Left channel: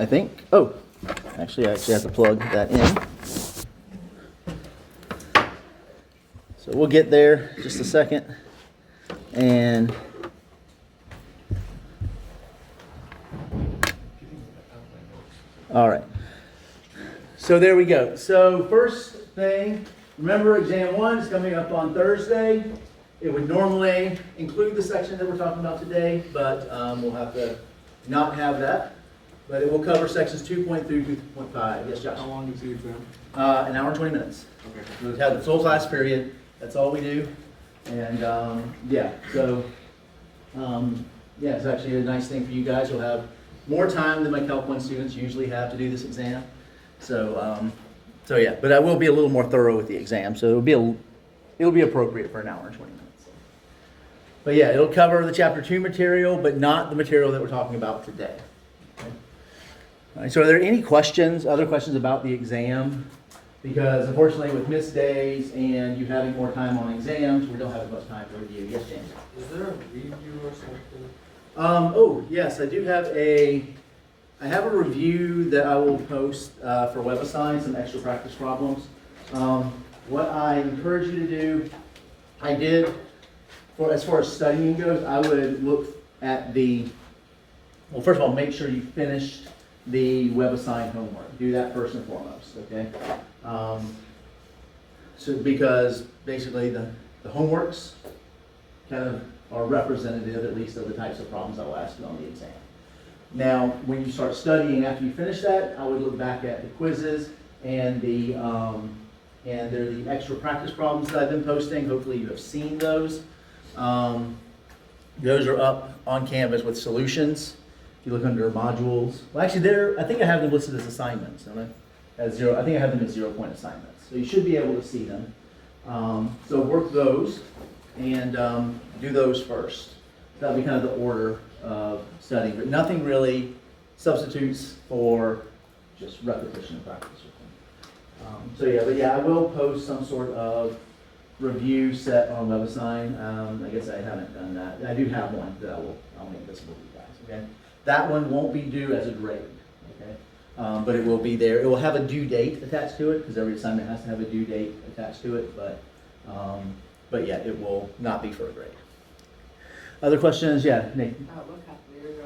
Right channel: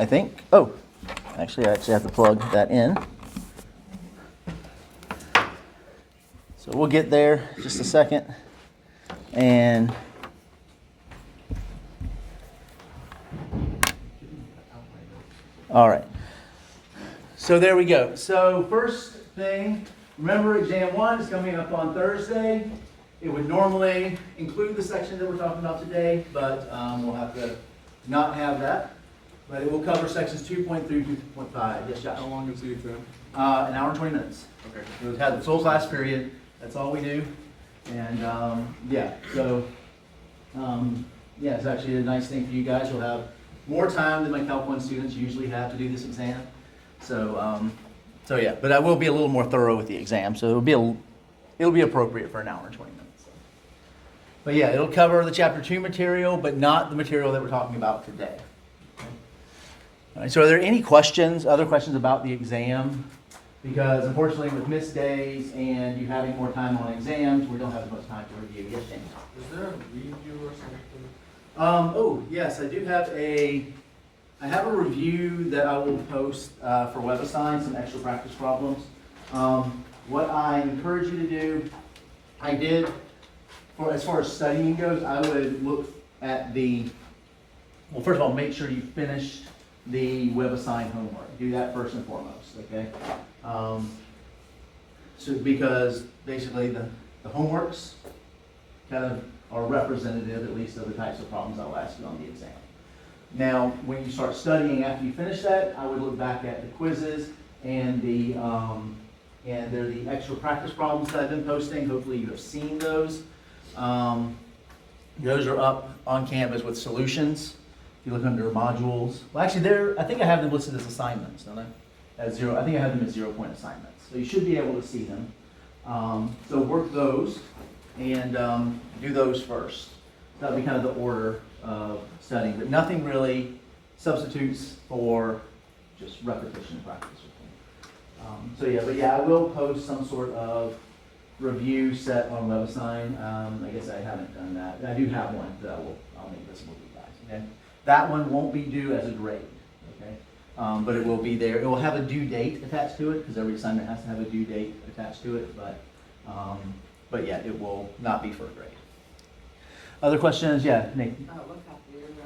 I think. Oh, actually, I have to plug that in. So we'll get there in just a second. And all right. So there we go. So first thing, remember exam 1 is coming up on Thursday. It would normally include the section that we're talking about today, but we'll have to not have that. But it will cover sections 2.3 through 2.5. Yes, Josh? How long is the exam? An hour and 20 minutes. Okay. We would have the full class period. That's all we do. And yeah, so yeah, it's actually a nice thing for you guys. You'll have more time than my Calc 1 students usually have to do this exam. So so yeah, but I will be a little more thorough with the exam. So it'll be appropriate for an hour and 20 minutes. But yeah, it'll cover the chapter 2 material, but not the material that we're talking about today. All right, so are there any questions, other questions about the exam? Because unfortunately with missed days and you having more time on exams, we don't have as much time for review. Yes, James? Is there a review or something? Oh, yes, I do have I have a review that I will post for WebAssign, some extra practice problems. What I encourage you to do, I did, as far as studying goes, I would look at well, first of all, make sure you finished the WebAssign homework. Do that first and foremost, okay? So because basically the homeworks kind of are representative, at least, of the types of problems I will ask you on the exam. Now, when you start studying after you finish that, I would look back at the quizzes and and they're the extra practice problems that I've been posting. Hopefully you have seen those. Those are up on Canvas with solutions. If you look under modules, well, actually, I think I have them listed as assignments, don't I? I think I have them as 0-point assignments. So you should be able to see them. So work those and do those first. That'll be kind of the order of studying, but nothing really substitutes for just repetition and practice with them. So yeah, but yeah, I will post some sort of review set on WebAssign. I guess I haven't done that. I do have one that I'll make visible to you guys. Okay, that one won't be due as a grade. Okay, but it will be there. It will have a due date attached to it because every assignment has to have a due date attached to it. But yeah, it will not be for a grade. Other questions? Yeah, Nate. What calculator do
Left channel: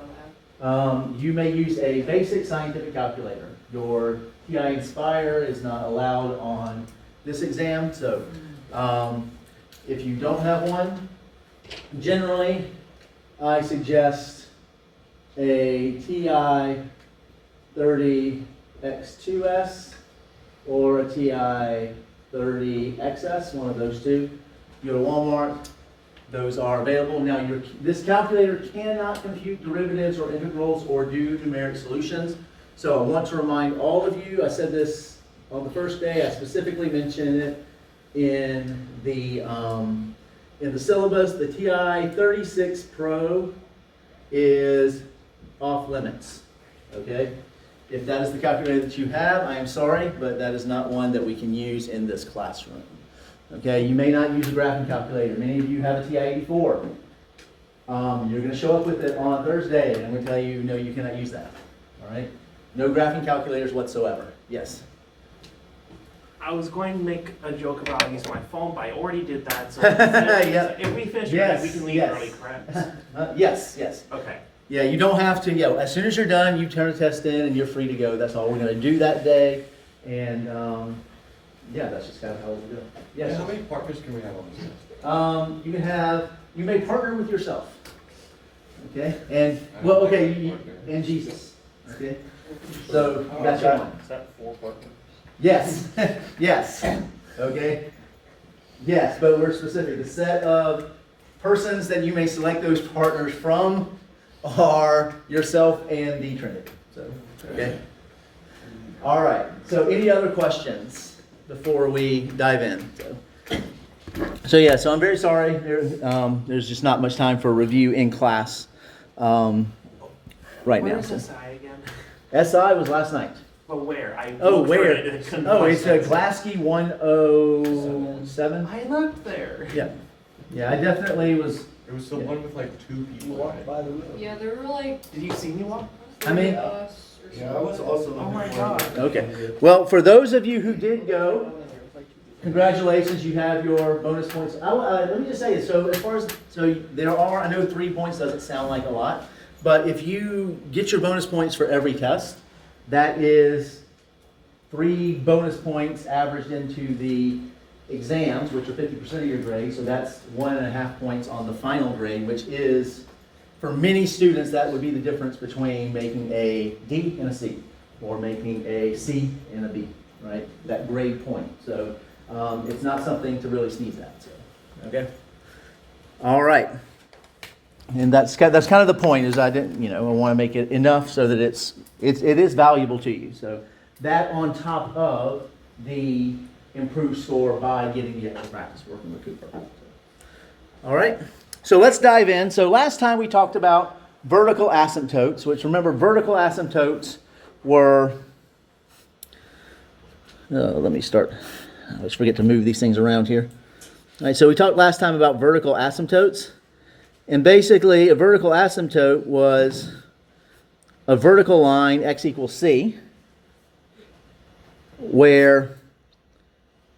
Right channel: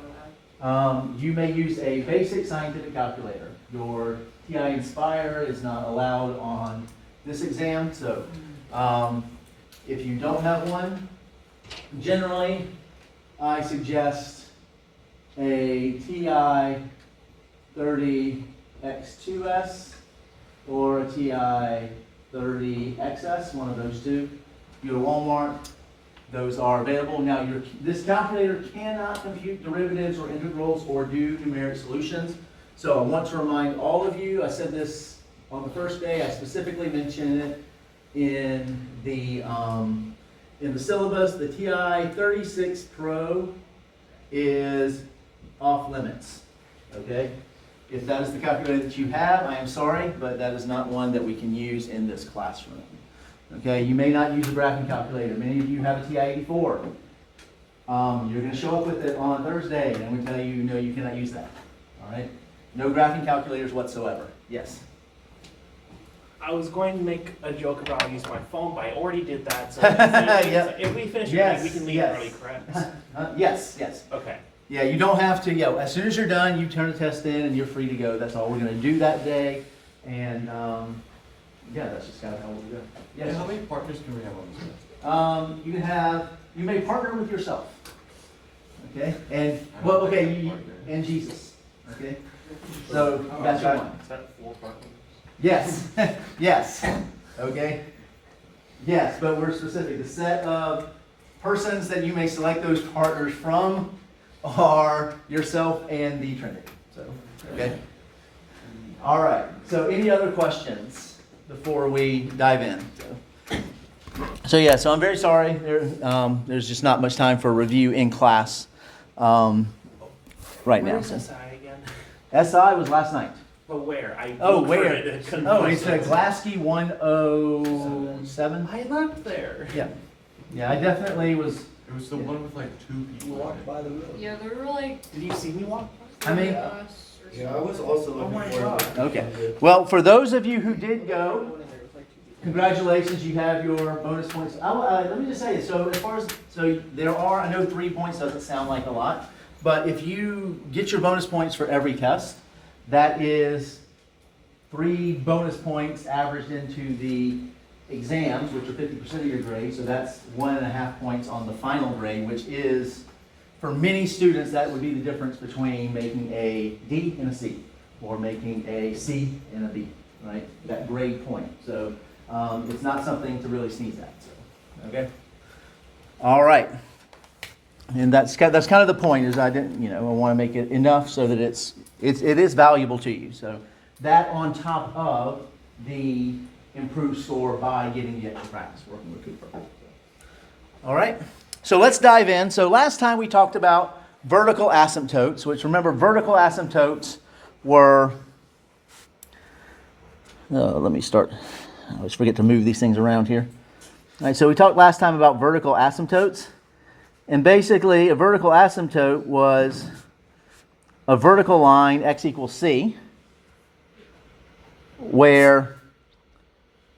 I have? You may use a basic scientific calculator. Your TI Inspire is not allowed on this exam, so if you don't have one, generally I suggest a TI 30X2S or a TI 30XS, one of those two. You go to Walmart. Those are available. Now, this calculator cannot compute derivatives or integrals or do numeric solutions. So I want to remind all of you, I said this on the first day, I specifically mentioned it in the syllabus. The TI 36 Pro is off limits, okay? If that is the calculator that you have, I am sorry, but that is not one that we can use in this classroom. Okay, you may not use a graphing calculator. Many of you have a TI-84. You're going to show up with it on Thursday, and I'm going to tell you, no, you cannot use that. All right? No graphing calculators whatsoever. Yes? I was going to make a joke about using my phone, but I already did that. So Yep. if we finish Yes, early, we can leave yes. early, correct? Yes, yes. Okay. Yeah, you don't have to. Yeah, as soon as you're done, you turn the test in, and you're free to go. That's all we're going to do that day. And yeah, that's just kind of how we do it. Yes. Yeah, how many partners can we have on this? You may partner with yourself. Okay? And, well, okay, and Jesus. Okay? So, that's your one. Is that 4 partners? Yes. Yes. Okay? Yes, but we're specific. The set of persons that you may select those partners from are yourself and the Trinity. So, okay? All right. So, any other questions before we dive in? So yeah, so I'm very sorry. There's just not much time for a review in class right now. Where's SI again? SI was last night. But where? Where? It couldn't Oh, it's find it. Glasky 107. I left there. Yeah. Yeah, I definitely was. It was the one with like 2 people. Walked by the road. Yeah, there were like Did you see me walk? How many? us or Yeah, I was also Oh my looking for. God. Okay. Well, for those of you who did go, congratulations, you have your bonus points. Let me just say this. So as far as, so there are, I know 3 points doesn't sound like a lot, but if you get your bonus points for every test, that is 3 bonus points averaged into the exams, which are 50% of your grade. So that's 1.5 points on the final grade, which is, for many students, that would be the difference between making a D and a C, or making a C and a B, right? That grade point. So it's not something to really sneeze at. So, okay. All right. And that's kind of the point. Is I want to make it enough so that it is valuable to you. So that on top of the improved score by getting the extra practice working with Cooper. So, all right. So let's dive in. So last time we talked about vertical asymptotes, which, remember, vertical asymptotes were, let me start. I always forget to move these things around here. All right, so we talked last time about vertical asymptotes. And basically, a vertical asymptote was a vertical line, x equals c, where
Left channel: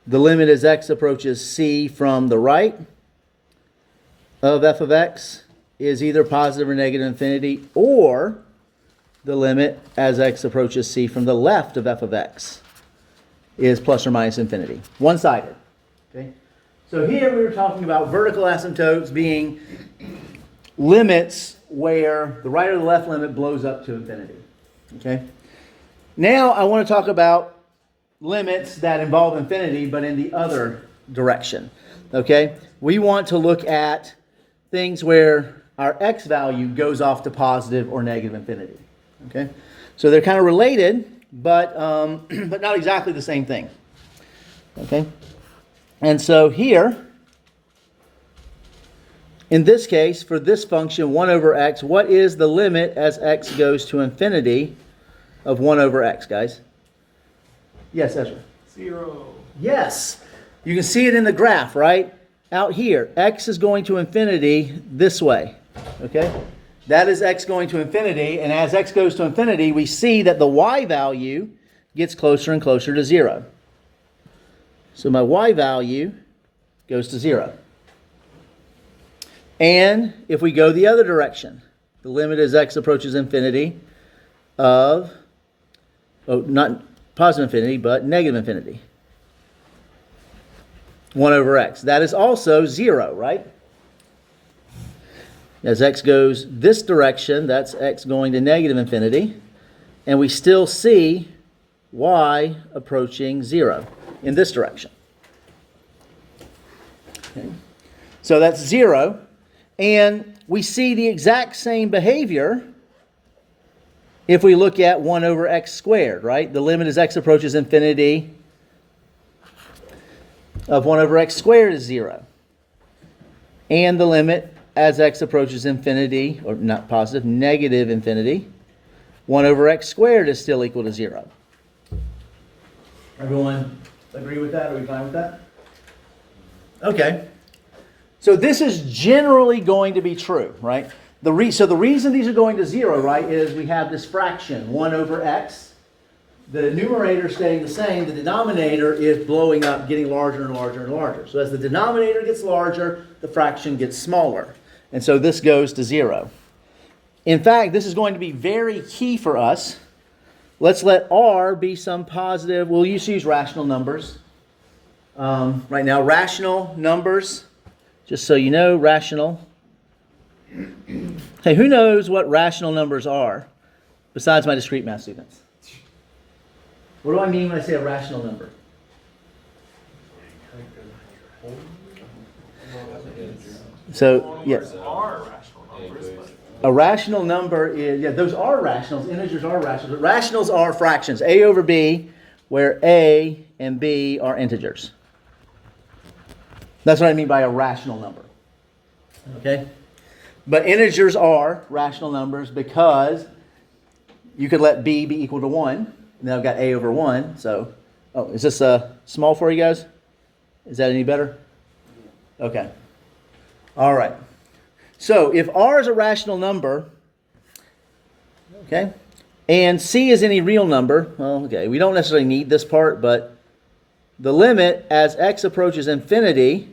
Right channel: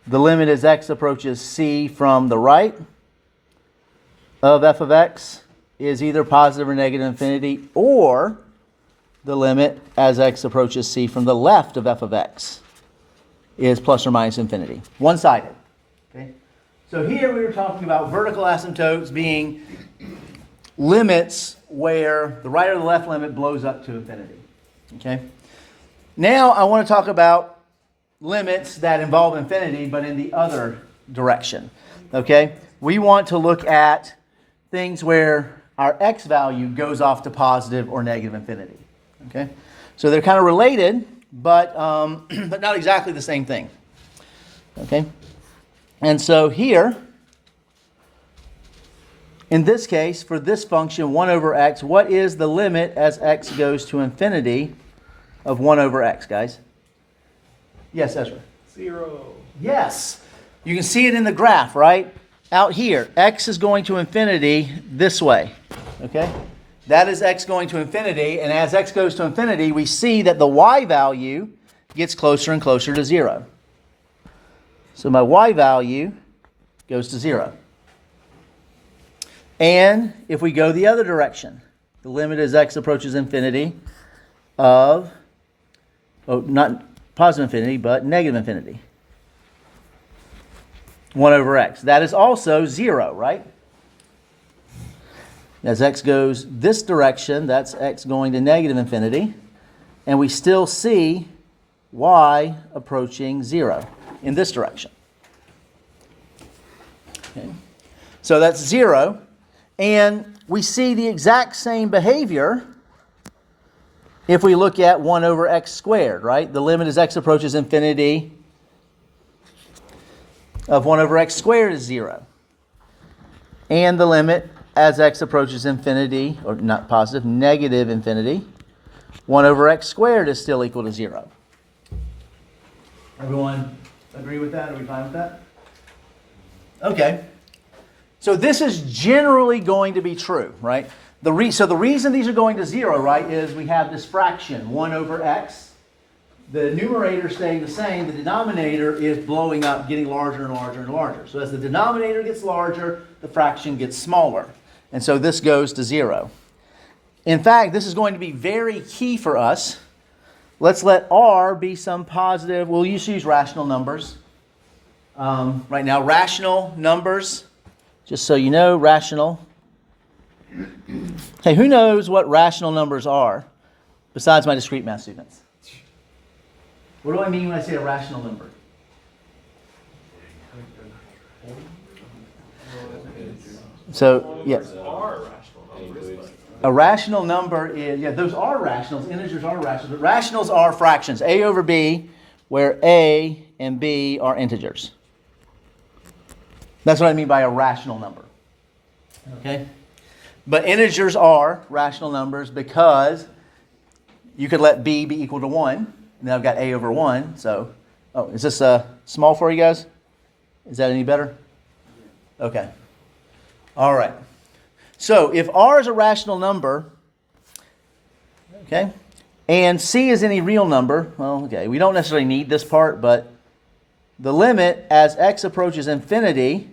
the limit as x approaches c from the right of f of x is either positive or negative infinity, or the limit as x approaches c from the left of f of x is plus or minus infinity. One-sided. Okay? So here we were talking about vertical asymptotes being limits where the right or the left limit blows up to infinity. Okay? Now I want to talk about limits that involve infinity, but in the other direction. Okay? We want to look at things where our x value goes off to positive or negative infinity. Okay? So they're kind of related, but not exactly the same thing. Okay? And so here, in this case, for this function, 1 over x, what is the limit as x goes to infinity of 1 over x, guys? Yes, Ezra? 0. Yes. You can see it in the graph, right? Out here, x is going to infinity this way. Okay? That is x going to infinity, and as x goes to infinity, we see that the y value gets closer and closer to 0. So my y value goes to 0. And if we go the other direction, the limit as x approaches infinity of, not positive infinity, but negative infinity. 1 over x. That is also 0, right? As x goes this direction, that's x going to negative infinity. And we still see y approaching 0 in this direction. Okay. So that's 0. And we see the exact same behavior if we look at 1 over x squared, right? The limit as x approaches infinity of 1 over x squared is 0. And the limit as x approaches infinity, or not positive, negative infinity, 1 over x squared is still equal to 0. Everyone agree with that? Are we fine with that? Okay. So this is generally going to be true, right? So the reason these are going to 0, right, is we have this fraction, 1 over x. The numerator staying the same, the denominator is blowing up, getting larger and larger and larger. So as the denominator gets larger, the fraction gets smaller. And so this goes to 0. In fact, this is going to be very key for us. Let's let r be some positive. We'll use rational numbers. Right now, rational numbers, just so you know, rational. Hey, who knows what rational numbers are besides my discrete math students? What do I mean when I say a rational number? So, yeah. Are rational numbers, but A rational number is, those are rationals. Integers are rationals. But rationals are fractions. A over B, where A and B are integers. That's what I mean by a rational number. Okay? But integers are rational numbers because you could let B be equal to 1. Now I've got A over 1. So, is this small for you guys? Is that any better? Okay. All right. So if r is a rational number, okay, And c is any real number. Well, okay, we don't necessarily need this part, but the limit as x approaches infinity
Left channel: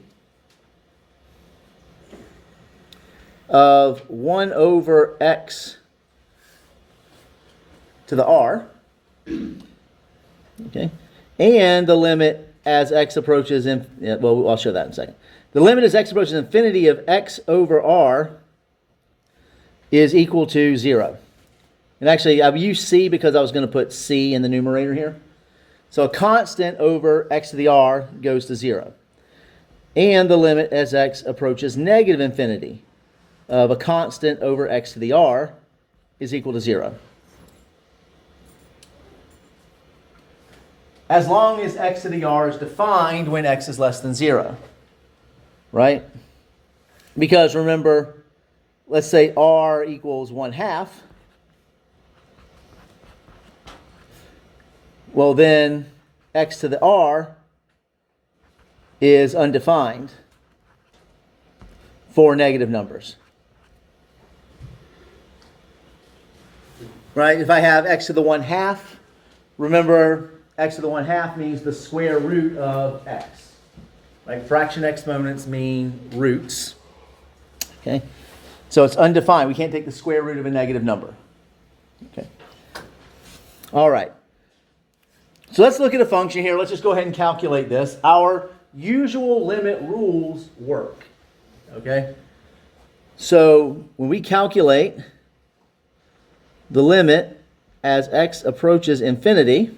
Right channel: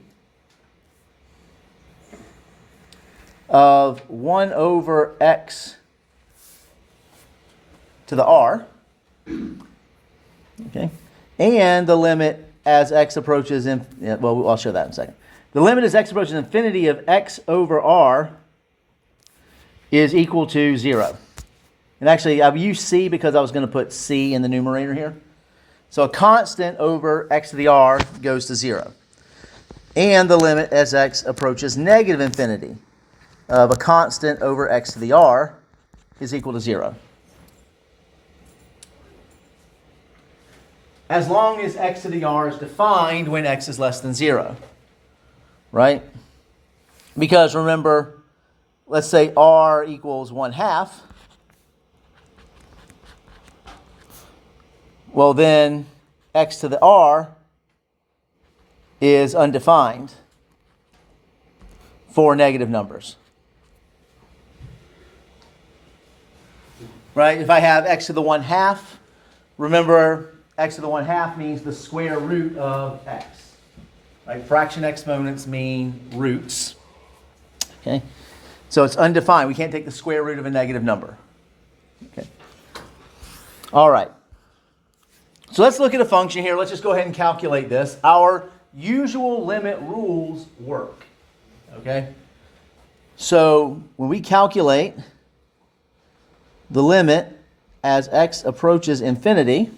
of 1 over x to the r, okay, and the limit as x approaches, well, I'll show that in a second. The limit as x approaches infinity of x over r is equal to 0. And actually, I've used c because I was going to put c in the numerator here. So a constant over x to the r goes to 0. And the limit as x approaches negative infinity of a constant over x to the r is equal to 0. As long as x to the r is defined when x is less than 0. Right? Because remember, let's say r equals 1/2. Well, then x to the r is undefined for negative numbers. Right? If I have x to the 1/2, remember x to the 1/2 means the square root of x. Like fraction exponents mean roots. Okay? So it's undefined. We can't take the square root of a negative number. Okay. All right. So let's look at a function here. Let's just go ahead and calculate this. Our usual limit rules work. Okay? So when we calculate the limit as x approaches infinity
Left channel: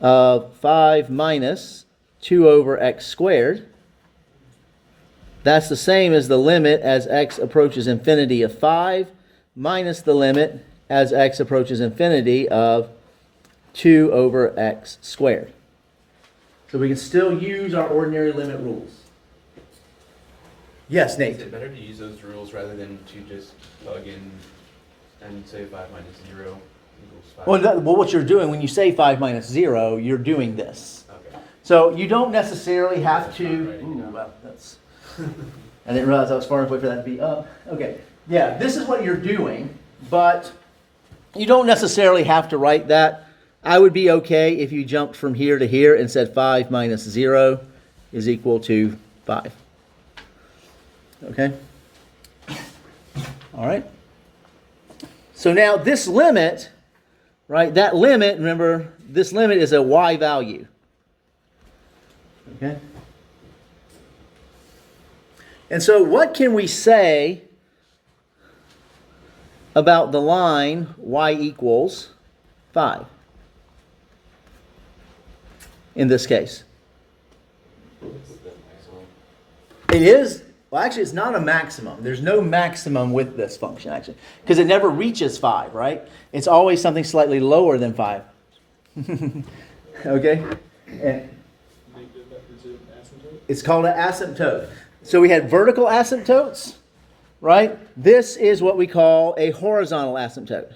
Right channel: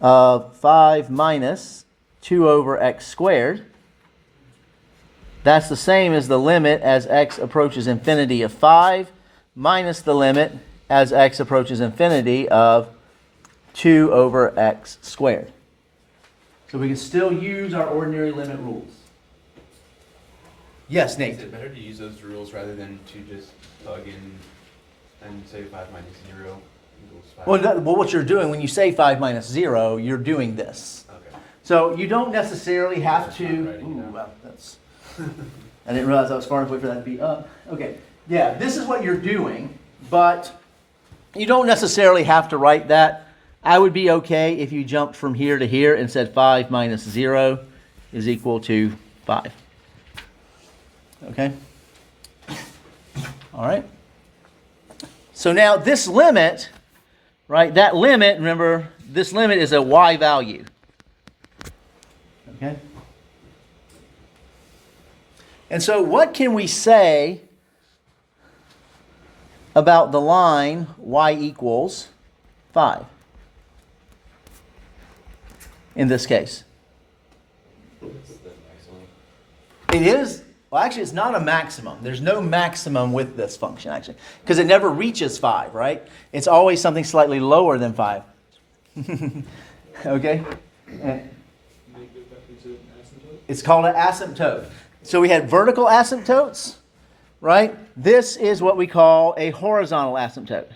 of 5 minus 2 over x squared, that's the same as the limit as x approaches infinity of 5 minus the limit as x approaches infinity of 2 over x squared. So we can still use our ordinary limit rules. Yes, Nate? Is it better to use those rules rather than to just plug in and say 5 minus 0 equals 5? Well, what you're doing when you say 5 minus 0, you're doing this. Okay. So you don't necessarily have to... Right, Ooh, wow, that's... I didn't realize I was far enough away for that to be up. Okay, yeah, this is what you're doing, but you don't necessarily have to write that. I would be okay if you jumped from here to here and said 5 minus 0 is equal to 5. Okay? All right? So now this limit, right, that limit, remember, this limit is a y value. Okay? And so what can we say about the line y equals 5 in this case? It is, well, actually, it's not a maximum. There's no maximum with this function, actually, because it never reaches 5, right? It's always something slightly lower than 5. Okay? And it's called an asymptote. So we had vertical asymptotes, right? This is what we call a horizontal asymptote.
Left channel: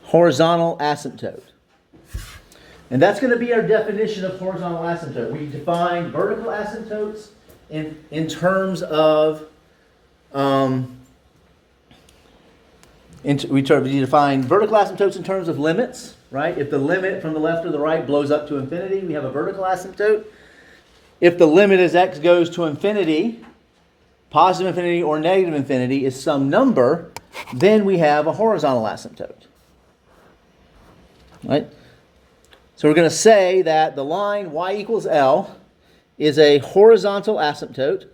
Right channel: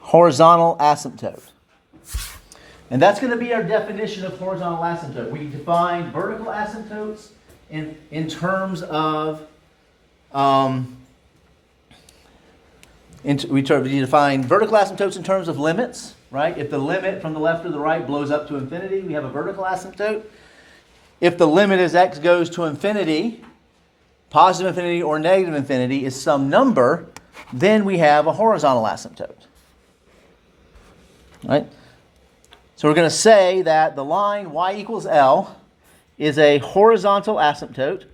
Horizontal asymptote. And that's going to be our definition of horizontal asymptote. We define vertical asymptotes in terms of we define vertical asymptotes in terms of limits, right? If the limit from the left or the right blows up to infinity, we have a vertical asymptote. If the limit as x goes to infinity, positive infinity or negative infinity is some number, then we have a horizontal asymptote. Right? So we're going to say that the line y equals L is a horizontal asymptote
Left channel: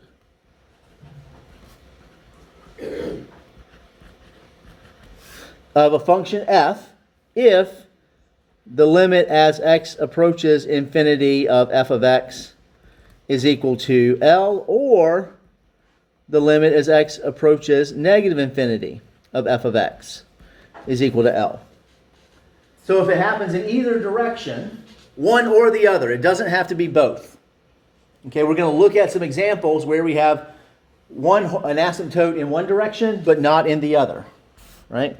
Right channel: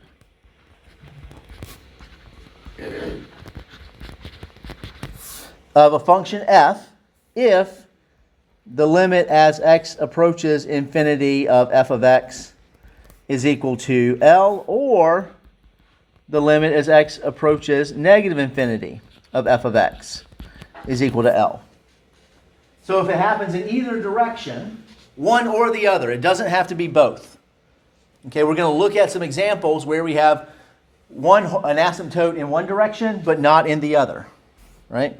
of a function f if the limit as x approaches infinity of f of x is equal to L, or the limit as x approaches negative infinity of f of x is equal to L. So if it happens in either direction, one or the other, it doesn't have to be both. Okay, we're going to look at some examples where we have an asymptote in one direction, but not in the other. Right?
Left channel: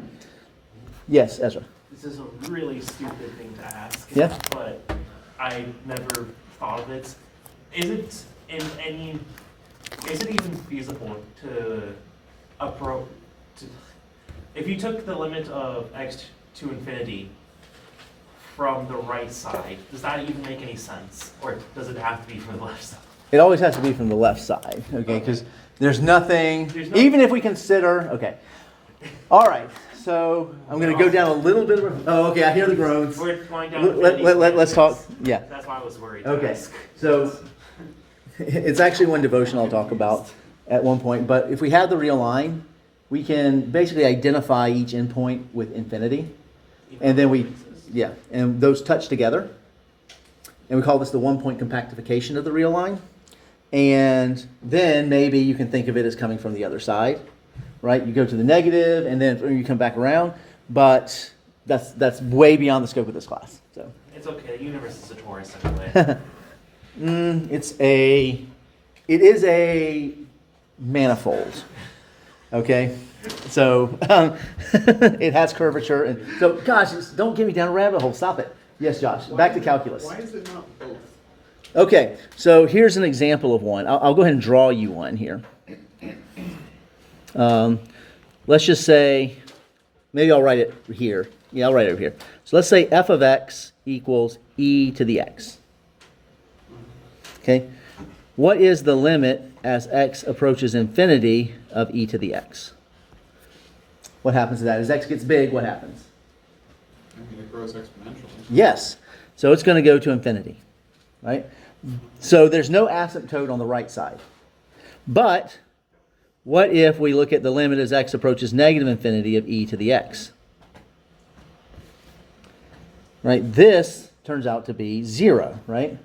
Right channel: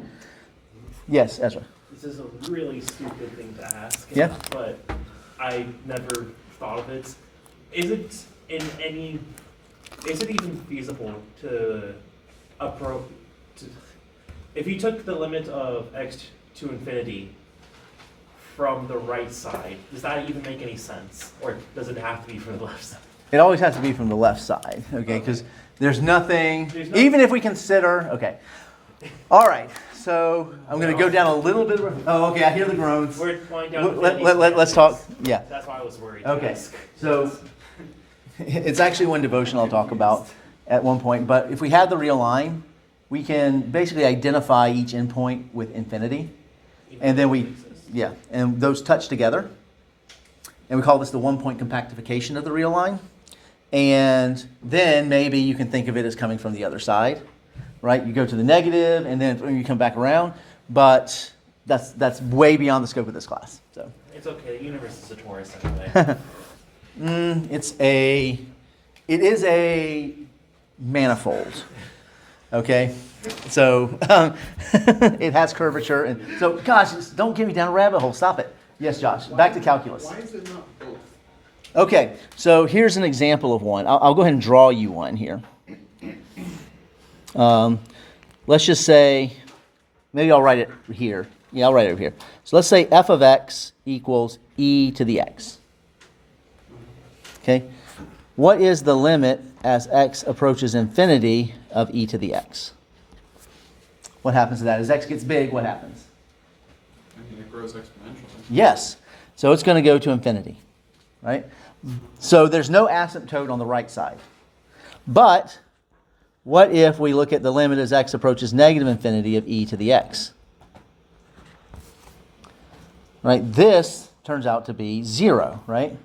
Yes, Ezra. This is a really stupid thing to ask. Yeah. But I never thought of it. is it even feasible to approach, if you took the limit of x to infinity from the right side, does that even make any sense? Or does it have to be from the left side? It always has to be from the left side, okay? Because there's nothing, even if we consider, okay. All right, so I'm going to go down a little bit of, oh, okay, I hear the groans. We're going down infinity. Let's talk, yeah. That's why I was worried. Okay, so it's actually one devotion I'll talk about at one point, but if we have the real line, we can basically identify each endpoint with infinity, and then and those touch together, and we call this the one-point compactification of the real line, and then maybe you can think of it as coming from the other side, right? You go to the negative, and then you come back around, but that's way beyond the scope of this class. So it's okay. The universe is a torus anyway. It is a manifold. Okay, so it has curvature, and so gosh, don't get me down a rabbit hole. Stop it. Yes, Josh. Back to calculus. Why is it not both? Okay, so here's an example of one. I'll go ahead and draw you one here. Let's just say, maybe I'll write it here. Yeah, I'll write it over here. So let's say f of x equals e to the x. Okay, what is the limit as x approaches infinity of e to the x? What happens to that? As x gets big, what happens? I mean, it grows exponentially. Yes. So it's going to go to infinity, right? So there's no asymptote on the right side. But what if we look at the limit as x approaches negative infinity of e to the x? Right? This turns out to be 0, right?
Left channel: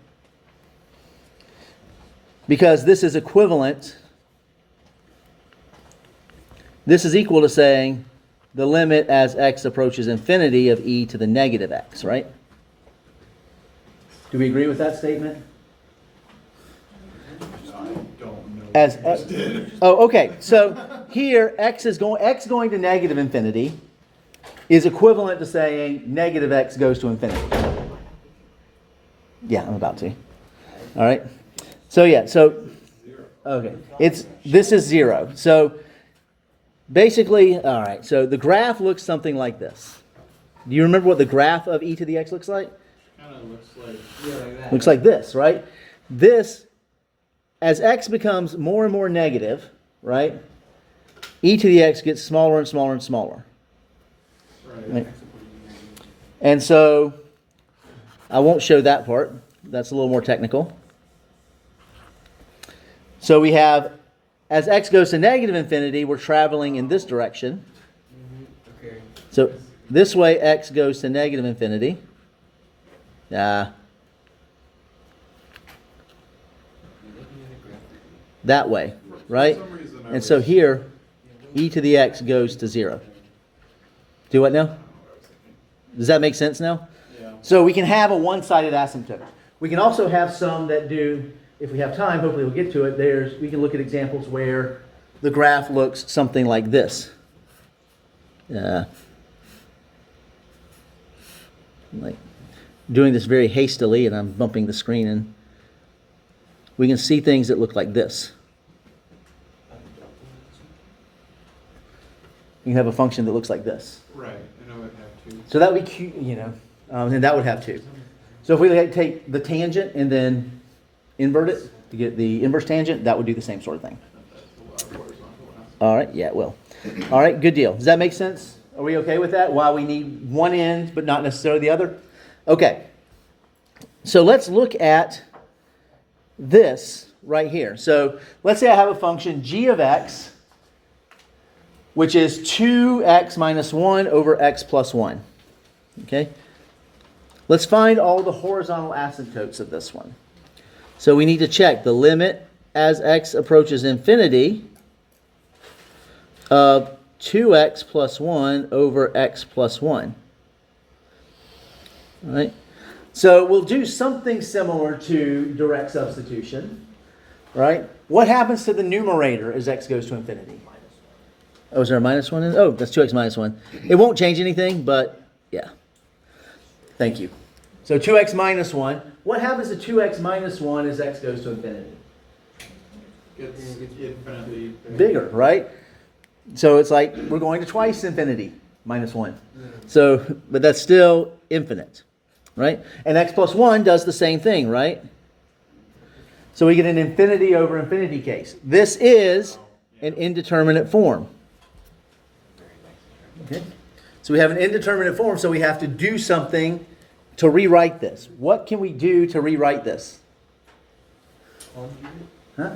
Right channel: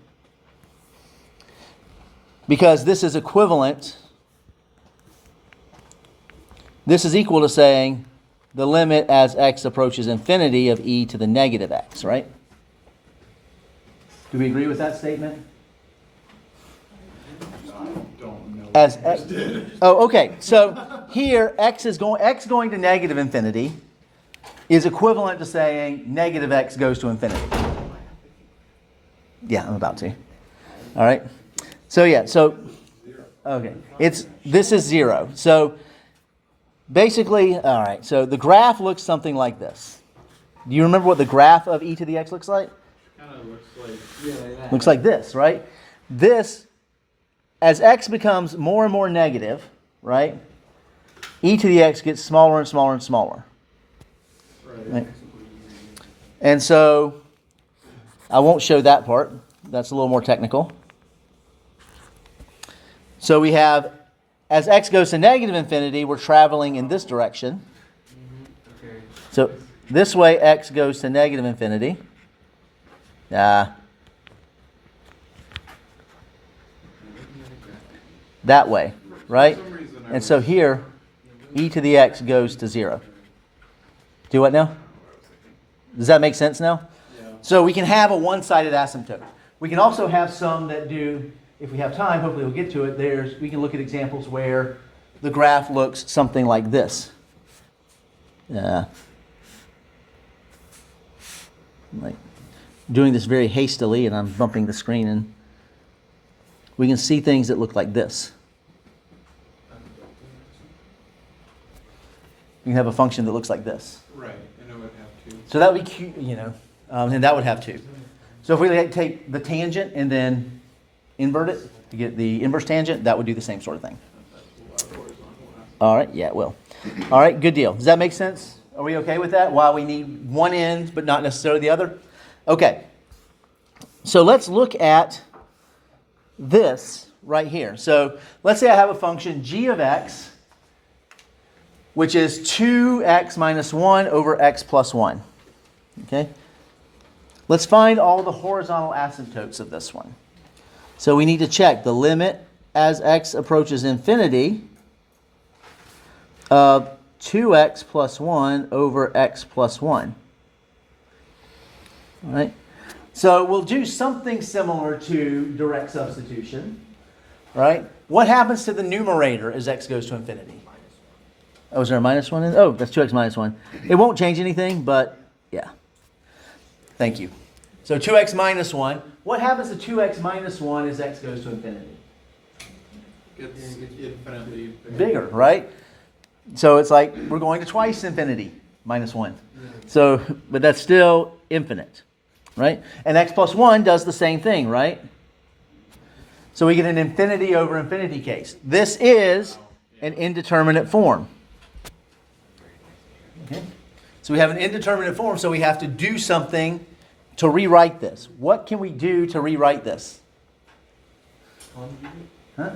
Because this is equivalent, this is equal to saying the limit as x approaches infinity of e to the negative x, right? Do we agree with that statement? I don't know. As oh, okay. So here x going to negative infinity is equivalent to saying negative x goes to infinity. Yeah, I'm about to. All right. So yeah, okay. This is 0. So basically, all right. So the graph looks something like this. Do you remember what the graph of e to the x looks like? Kind of looks like, like that. Looks like this, right? This, as x becomes more and more negative, right? E to the x gets smaller and smaller and smaller. Right? And so I won't show that part. That's a little more technical. So we have, as x goes to negative infinity, we're traveling in this direction. Okay. So this way x goes to negative infinity. That way, right? And so here, e to the x goes to 0. Do what now? Does that make sense now? Yeah. So we can have a one-sided asymptote. We can also have some that do, if we have time, hopefully we'll get to it, we can look at examples where the graph looks something like this. Like doing this very hastily, and I'm bumping the screen, and we can see things that look like this. You can have a function that looks like this. Right, and I would have to. So that would be cute, and that would have 2. So if we take the tangent and then invert it to get the inverse tangent, that would do the same sort of thing. All right, yeah, it will. All right, good deal. Does that make sense? Are we okay with that? Why we need one end but not necessarily the other? Okay. So let's look at this right here. So let's say I have a function g of x, which is 2x minus 1 over x plus 1. Okay? Let's find all the horizontal asymptotes of this one. So we need to check the limit as x approaches infinity of 2x plus 1 over x plus 1. All right? So we'll do something similar to direct substitution. Right? What happens to the numerator as x goes to infinity? Oh, is there a minus 1 in it? Oh, that's 2x minus 1. It won't change anything, but yeah. Thank you. So 2x minus 1. What happens to 2x minus 1 as x goes to infinity? It's infinitely Bigger, right? So it's like we're going to twice infinity minus 1. So, but that's still infinite, right? And x plus 1 does the same thing, right? So we get an infinity over infinity case. This is an indeterminate form. Okay. So we have an indeterminate form, so we have to do something to rewrite this. What can we do to rewrite this? Huh?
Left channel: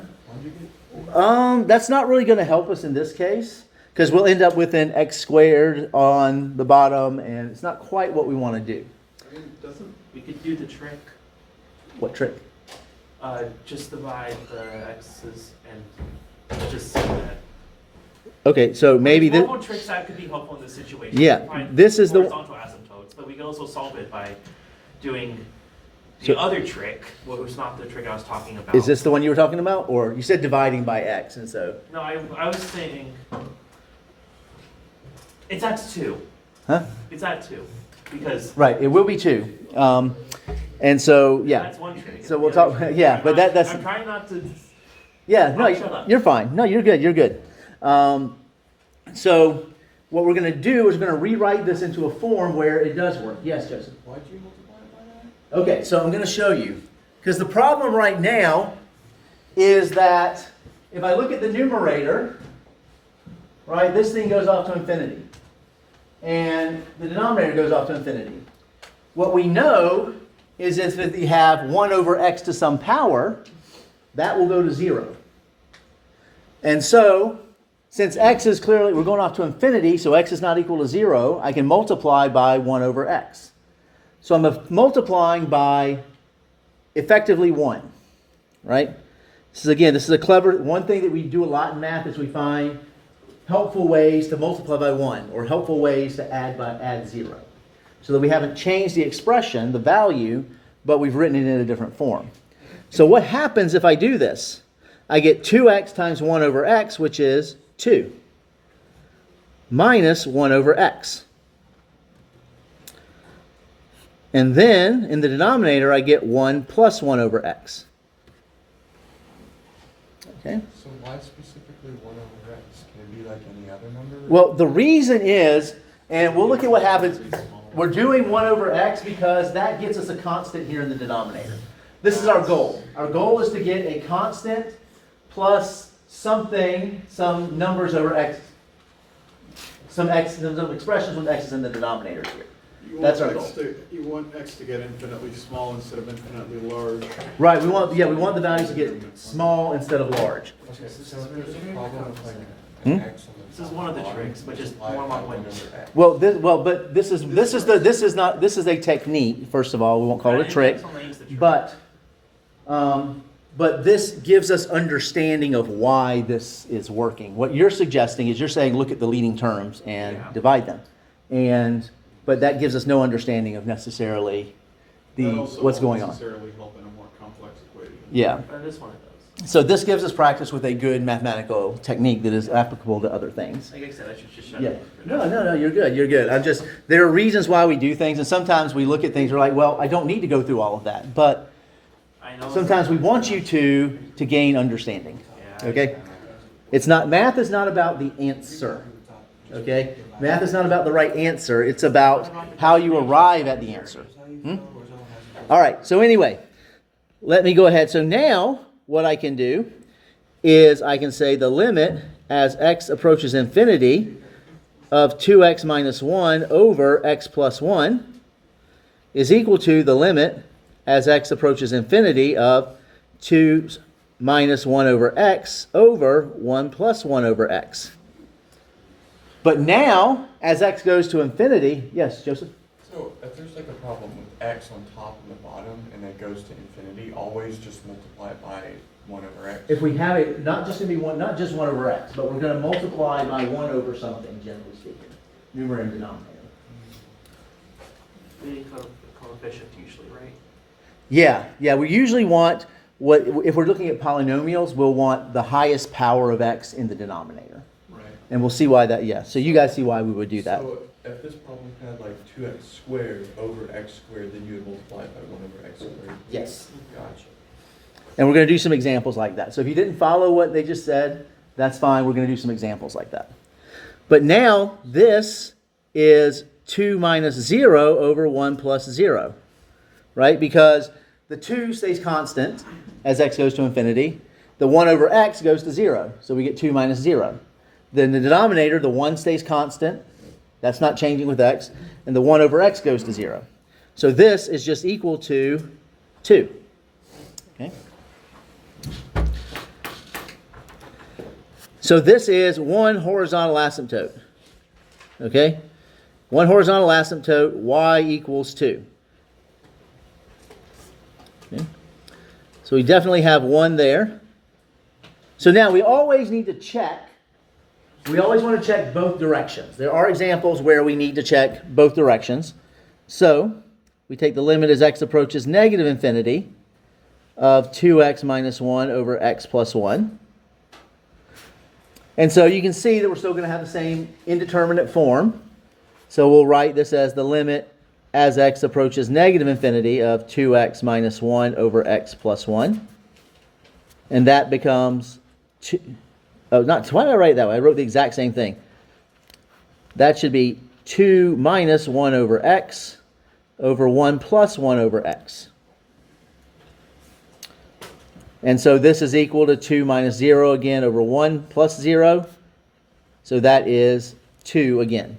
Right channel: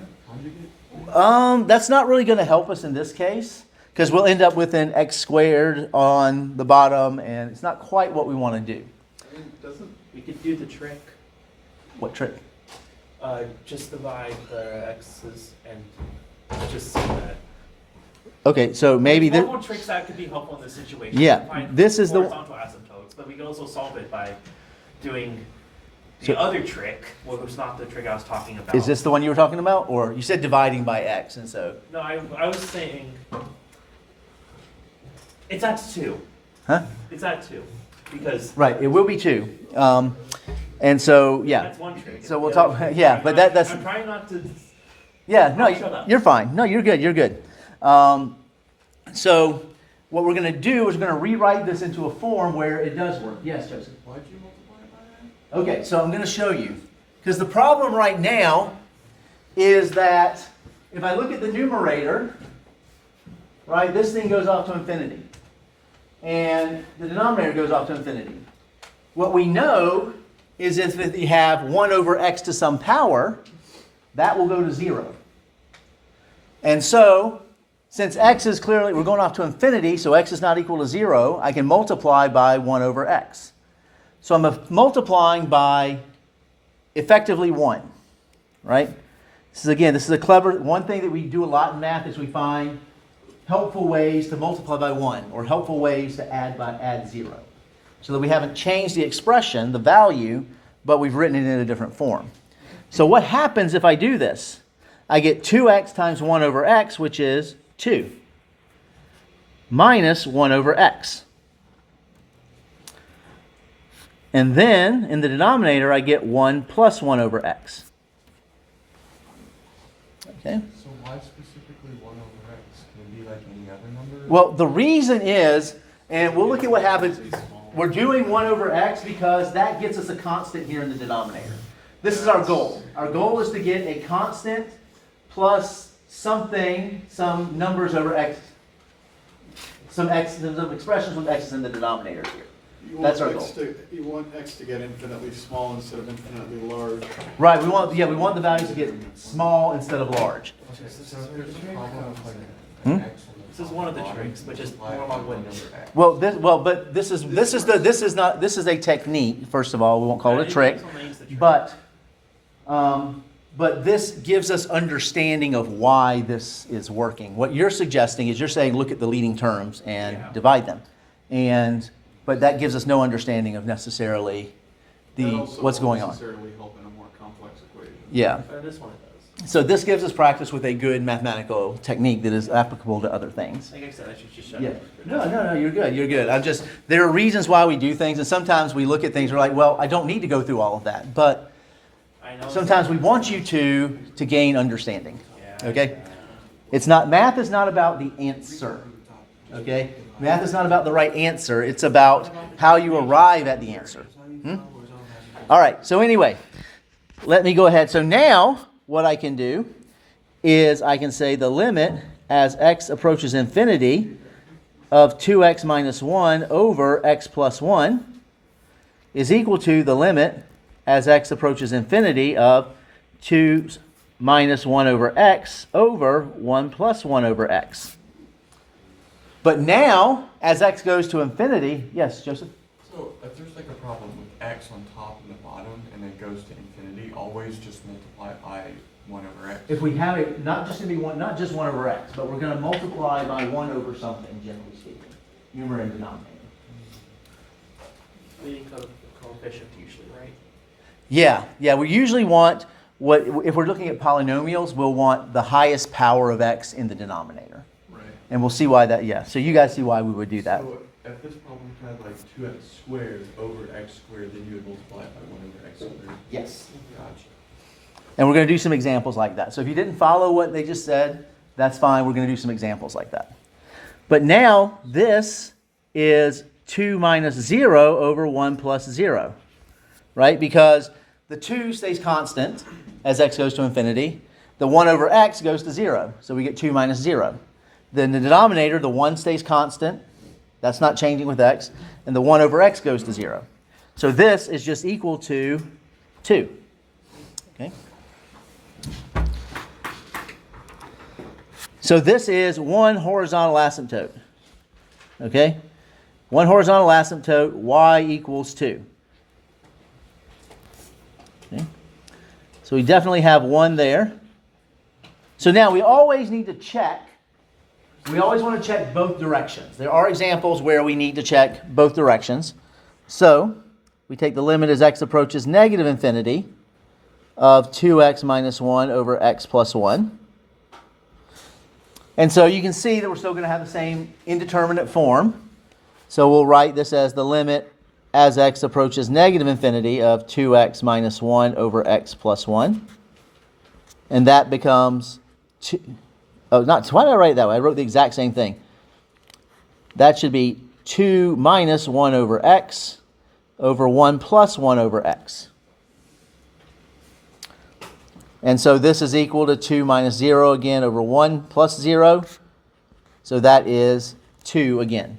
That's not really going to help us in this case, because we'll end up with an x squared on the bottom, and it's not quite what we want to do. I mean, doesn't We could do the trick. What trick? Just divide the x's and just see that. Okay, so maybe One this. more tricks that could be helpful in this situation. Yeah, Find this is the- horizontal asymptotes, but we can also solve it by doing the So- other trick, what was not the trick I was talking about. Is this the one you were talking about, or you said dividing by x, and so? No, I was saying it's at 2. Huh? It's at 2 because Right, it will be 2. And so yeah. that's one trick. So we'll The other talk- trick- yeah, but that's- I'm trying not to. Yeah, no, Oh, shut up. you're fine. No, you're good. You're good. So what we're going to do is we're going to rewrite this into a form where it does work. Yes, Joseph. why'd you multiply it by that? Okay, so I'm going to show you. Because the problem right now is that if I look at the numerator, right, this thing goes off to infinity. And the denominator goes off to infinity. What we know is if you have 1 over x to some power, that will go to 0. And so, since x is clearly, we're going off to infinity, so x is not equal to 0, I can multiply by 1 over x. So I'm multiplying by effectively 1, right? This is a clever, one thing that we do a lot in math is we find helpful ways to multiply by 1, or helpful ways to add 0. So that we haven't changed the expression, the value, but we've written it in a different form. So what happens if I do this? I get 2x times 1 over x, which is 2, minus 1 over x. And then, in the denominator, I get 1 plus 1 over x. Okay? So why specifically 1 over x? Can it be like any other number? Well, the reason is, and we'll look at what happens, we're doing 1 over x because that gets us a constant here in the denominator. This is our goal. Our goal is to get a constant plus something, some numbers over x, some expressions with x's in the denominator here. That's our goal. You want x to get infinitely small instead of infinitely large. Right, we want the values to get small instead of large. Okay, so if there's a problem with like Hmm? an x on the This is top one of and the bottom, tricks, but just multiply more it by long-winded. 1 over x. But this is a technique. First of all, we won't call it a trick, but this gives us understanding of why this is working. What you're suggesting is you're saying look at the leading terms and Yeah. divide them, but that gives us no understanding of necessarily what's going on. Necessarily help in a more complex equation. Yeah. But this one it does. So this gives us practice with a good mathematical technique that is applicable to other things. Like I said, I should just shut Yeah. up. No, you're good. You're good. There are reasons why we do things, and sometimes we look at things, we're like, well, I don't need to go through all of that. But I know. sometimes we want you to gain understanding. Yeah, Okay? Math is not about the answer. Okay? Math is not about the right answer. It's about how you arrive at the answer. All right. So anyway, let me go ahead. So now what I can do is I can say the limit as x approaches infinity of 2x minus 1 over x plus 1 is equal to the limit as x approaches infinity of 2 minus 1 over x over 1 plus 1 over x. But now, as x goes to infinity, yes, Joseph? So if there's like a problem with x on top and the bottom and it goes to infinity, always just multiply it by 1 over x. If we have it, not just 1 over x, but we're going to multiply by 1 over something, generally speaking, numerator and denominator. The coefficient usually, right? Yeah, we usually want, if we're looking at polynomials, we'll want the highest power of x in the denominator. Right. And we'll see why that, so you guys see why we would do that. So if this problem had like 2x squared over x squared, then you would multiply it by 1 over x squared. Yes. Gotcha. And we're going to do some examples like that. So if you didn't follow what they just said, that's fine. We're going to do some examples like that. But now this is 2 minus 0 over 1 plus 0, right? Because the 2 stays constant as x goes to infinity. The 1 over x goes to 0. So we get 2 minus 0. Then the denominator, the 1 stays constant. That's not changing with x. And the 1 over x goes to 0. So this is just equal to 2. Okay? So this is one horizontal asymptote. Okay? One horizontal asymptote, y equals 2. Okay? So we definitely have one there. So now we always need to check. We always want to check both directions. There are examples where we need to check both directions. So we take the limit as x approaches negative infinity of 2x minus 1 over x plus 1. And so you can see that we're still going to have the same indeterminate form. So we'll write this as the limit as x approaches negative infinity of 2x minus 1 over x plus 1. And that becomes 2. Oh, why did I write it that way? I wrote the exact same thing. That should be 2 minus 1 over x over 1 plus 1 over x. And so this is equal to 2 minus 0 again over 1 plus 0. So that is 2 again.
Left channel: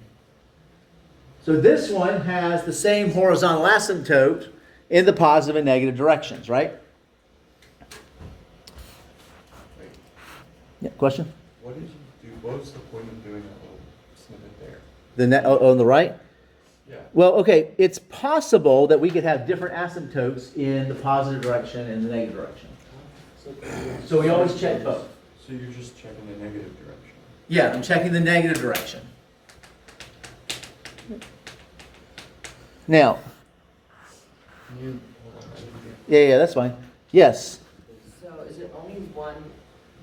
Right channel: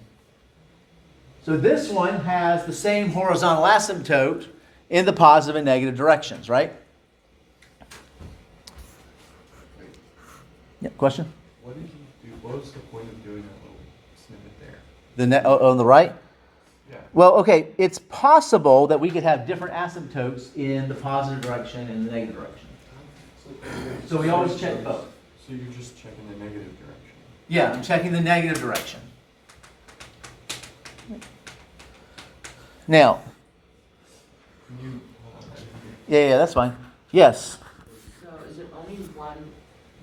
So this one has the same horizontal asymptote in the positive and negative directions, right? Yeah, question? What did you do? What was the point of doing that little snippet there? On the right? Yeah. Well, okay, it's possible that we could have different asymptotes in the positive direction and the negative direction. So we always check both. So you're just checking the negative direction. Yeah, I'm checking the negative direction. Now, Can you hold on, I didn't hear. yeah, that's fine. Yes. So is it only 1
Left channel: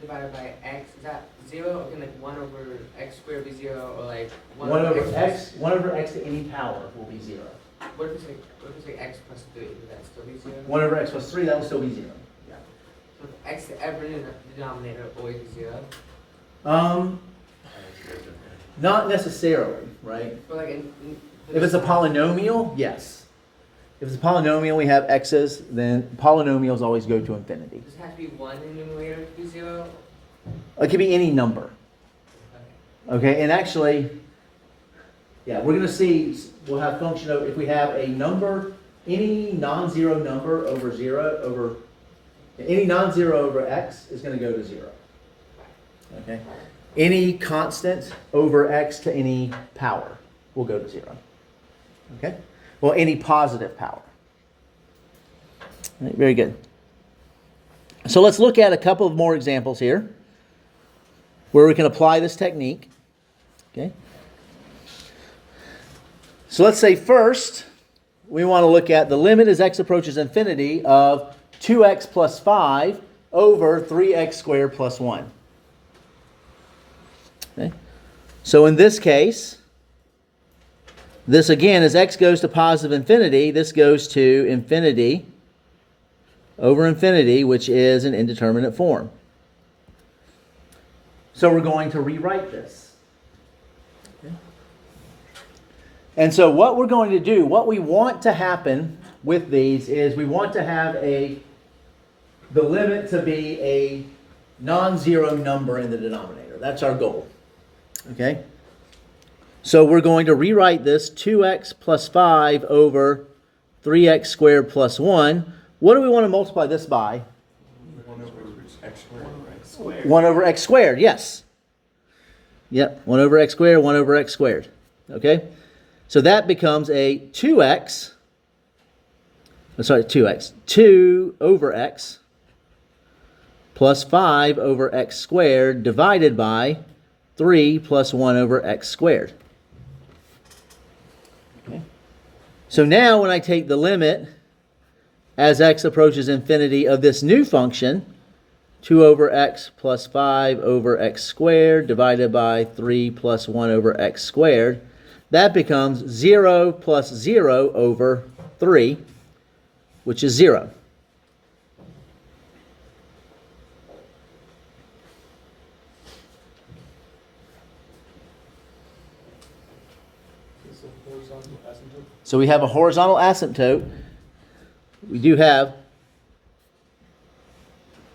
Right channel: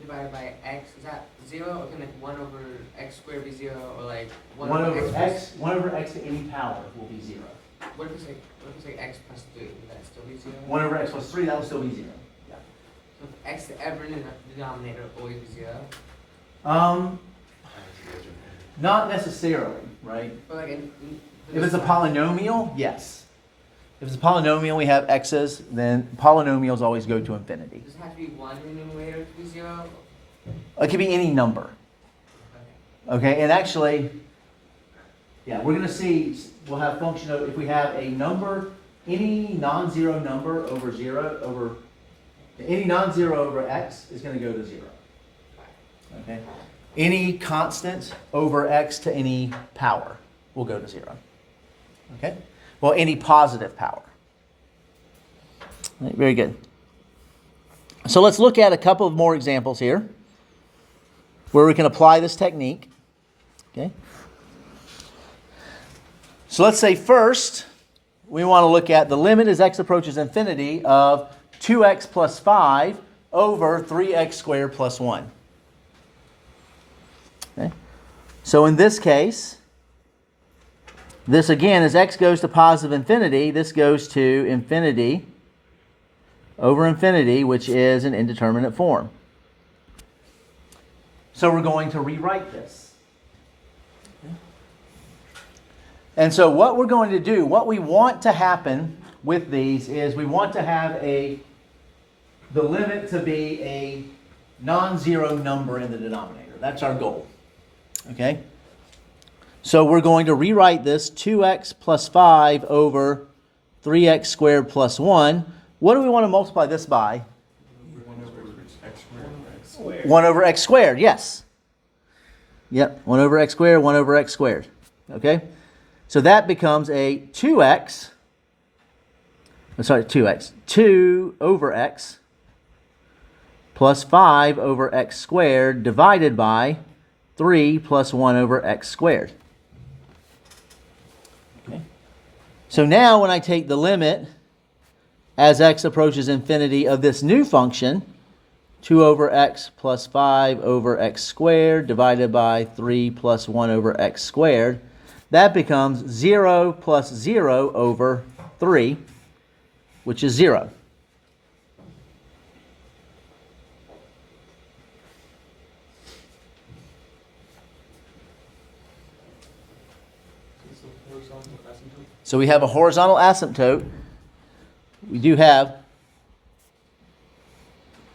divided by x? Is that 0? Or can like 1 over x squared be 0? Or like 1 over x to any power will be 0. What if it's like x plus 3? Would that still be 0? 1 over x plus 3, that will still be 0. So if x to ever in the denominator always be 0? Not necessarily, right? But like If it's a polynomial, yes. If it's a polynomial, we have x's, then polynomials always go to infinity. Does it have to be 1 in the numerator to be 0? It could be any number. Okay. Okay, and actually, yeah, we're going to see, we'll have function of, if we have a number, any non-zero number over 0, over, any non-zero over x is going to go to 0. Okay? Any constant over x to any power will go to 0. Okay? Well, any positive power. Right, very good. So let's look at a couple of more examples here where we can apply this technique. Okay? So let's say first we want to look at the limit as x approaches infinity of 2x plus 5 over 3x squared plus 1. Okay? So in this case, this again, as x goes to positive infinity, this goes to infinity over infinity, which is an indeterminate form. So we're going to rewrite this. Okay. And so what we're going to do, what we want to happen with these is we want to have the limit to be a non-zero number in the denominator. That's our goal. Okay? So we're going to rewrite this 2x plus 5 over 3x squared plus 1. What do we want to multiply this by? 1 over x squared. 1 over x squared, yes. Yep, 1 over x squared, 1 over x squared. Okay? So that becomes a 2x, 2 over x plus 5 over x squared divided by 3 plus 1 over x squared. Okay. So now when I take the limit as x approaches infinity of this new function, 2 over x plus 5 over x squared divided by 3 plus 1 over x squared, that becomes 0 plus 0 over 3, which is 0. So we have a horizontal asymptote. We do have,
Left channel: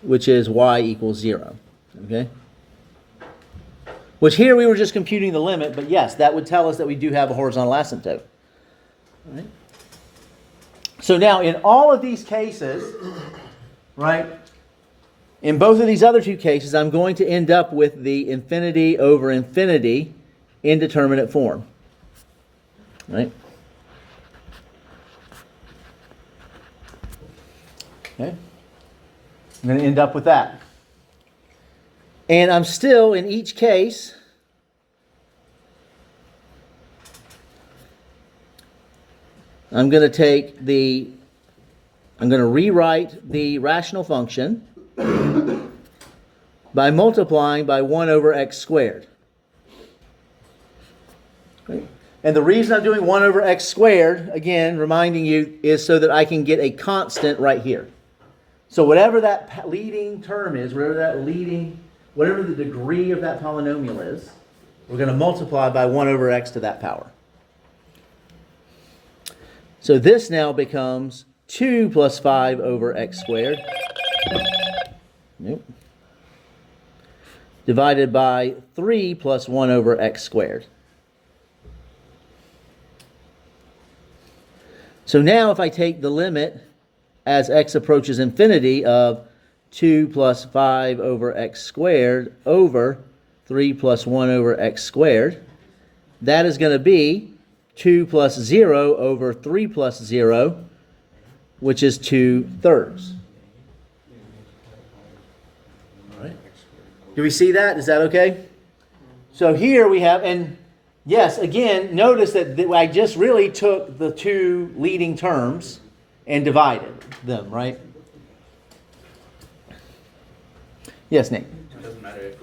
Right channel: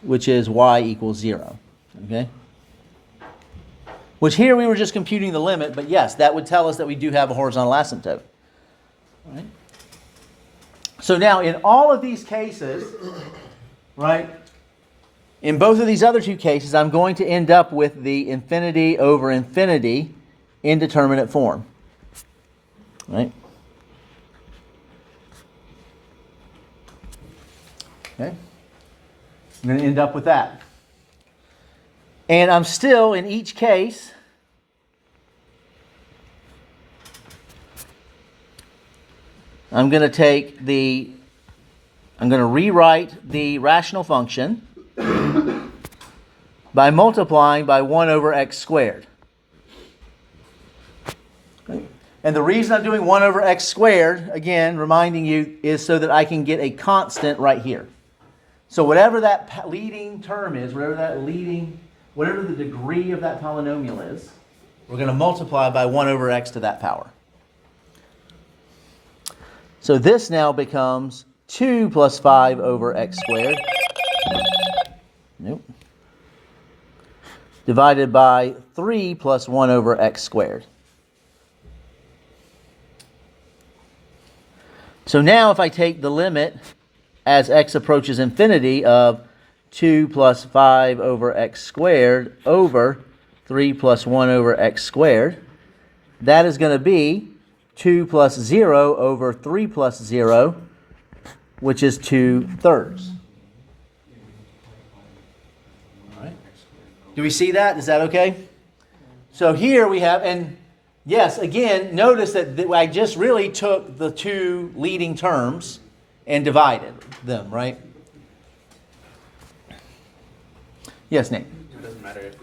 which is y equals 0. Okay? Which here we were just computing the limit, but yes, that would tell us that we do have a horizontal asymptote. All right? So now in all of these cases, right, in both of these other two cases, I'm going to end up with the infinity over infinity indeterminate form. Right? Okay? I'm going to end up with that. And I'm still, in each case, I'm going to rewrite the rational function by multiplying by 1 over x squared. And the reason I'm doing 1 over x squared, again, reminding you, is so that I can get a constant right here. So whatever that leading term is, whatever the degree of that polynomial is, we're going to multiply by 1 over x to that power. So this now becomes 2 plus 5 over x squared. Nope. Divided by 3 plus 1 over x squared. So now if I take the limit as x approaches infinity of 2 plus 5 over x squared over 3 plus 1 over x squared, that is going to be 2 plus 0 over 3 plus 0, which is 2/3. Do we see that? Is that okay? So here we have, and yes, again, notice that I just really took the two leading terms and divided them, right? Yes, Nick? It doesn't matter if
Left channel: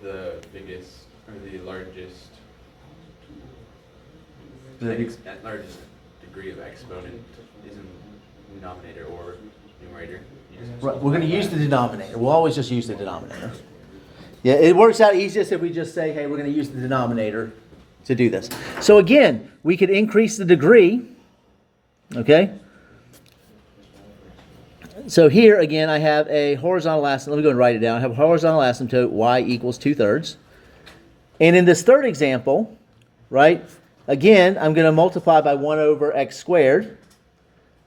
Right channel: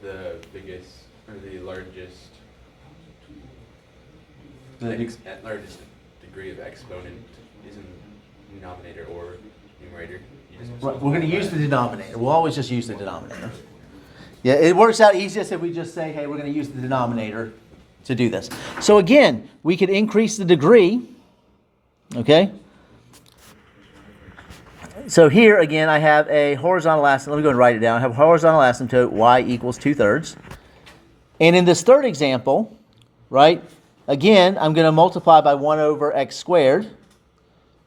the biggest or the largest largest degree of exponent is in denominator or numerator. Right, we're going to use the denominator. We'll always just use the denominator. Yeah, it works out easiest if we just say, hey, we're going to use the denominator to do this. So again, we could increase the degree. Okay? So here again, I have a horizontal asymptote. Let me go and write it down. I have a horizontal asymptote y equals 2/3. And in this third example, right, again, I'm going to multiply by 1 over x squared.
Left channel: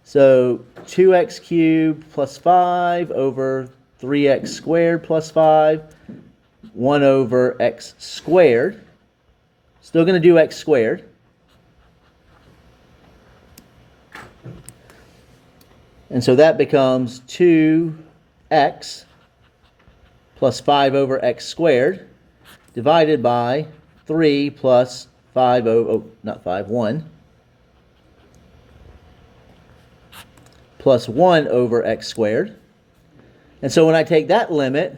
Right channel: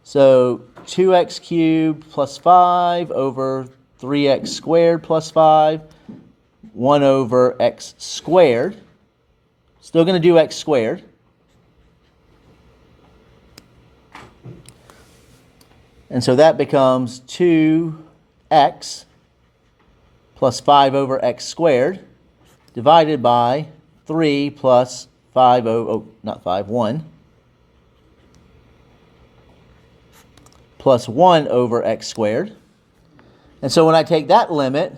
So 2x cubed plus 5 over 3x squared plus 5, 1 over x squared. Still going to do x squared. And so that becomes 2x plus 5 over x squared divided by 3 plus 1 plus 1 over x squared. And so when I take that limit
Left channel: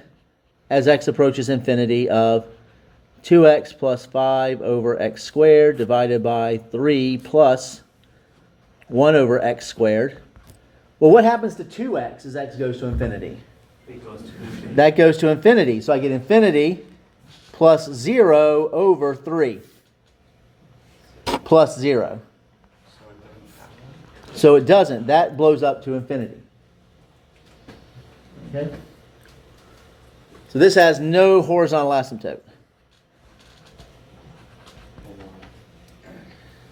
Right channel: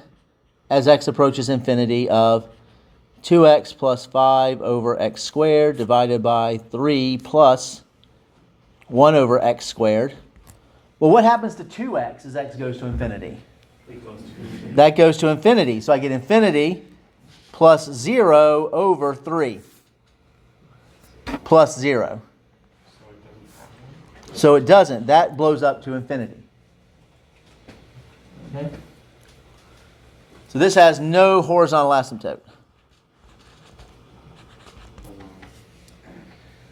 as x approaches infinity of 2x plus 5 over x squared divided by 3 plus 1 over x squared. Well, what happens to 2x as x goes to infinity? That goes to infinity. So I get infinity plus 0 over 3 plus 0. So it doesn't. That blows up to infinity. Okay? So this has no horizontal asymptote.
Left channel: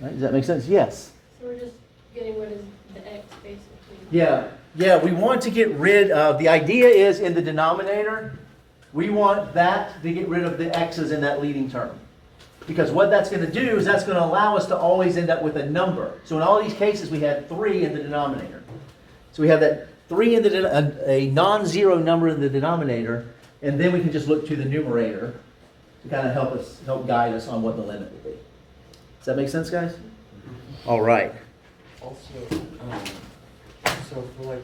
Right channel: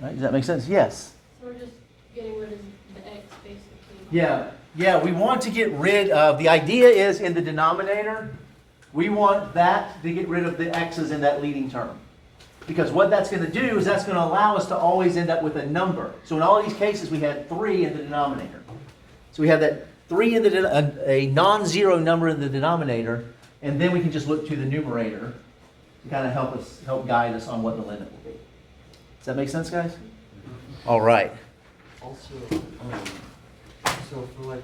Right, does that make sense? Yes. So we're just getting rid of the x basically. Yeah, we want to get rid of, the idea is in the denominator, we want that to get rid of the x's in that leading term. Because what that's going to do is that's going to allow us to always end up with a number. So in all these cases, we had 3 in the denominator. So we have that 3 in a non-zero number in the denominator, and then we can just look to the numerator to kind of help guide us on what the limit will be. Does that make sense, guys? All right. Also, so for like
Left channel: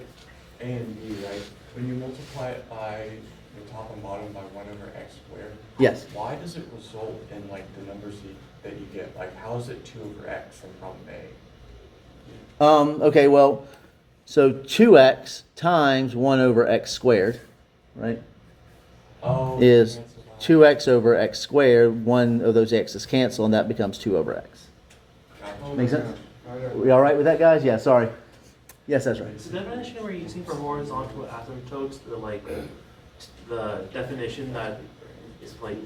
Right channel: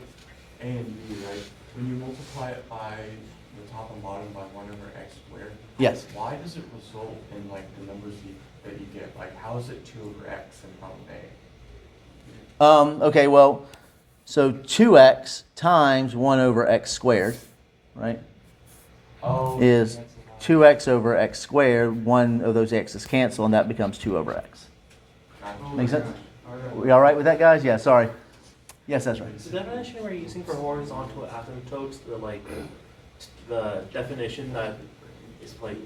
A and B, right, when you multiply it by the top and bottom by 1 over x squared, Yes. Why does it result in like the numbers that you get? Like, how is it 2 over x in problem A? Okay, well, so 2x times 1 over x squared, right, Oh, is cancel that. 2x over x squared. One of those x's cancel, and that becomes 2 over x. Gotcha. Make sense? We all right with that, guys? Yeah, sorry. Yes, that's right. So the definition we're using for horizontal asymptotes, the definition that is like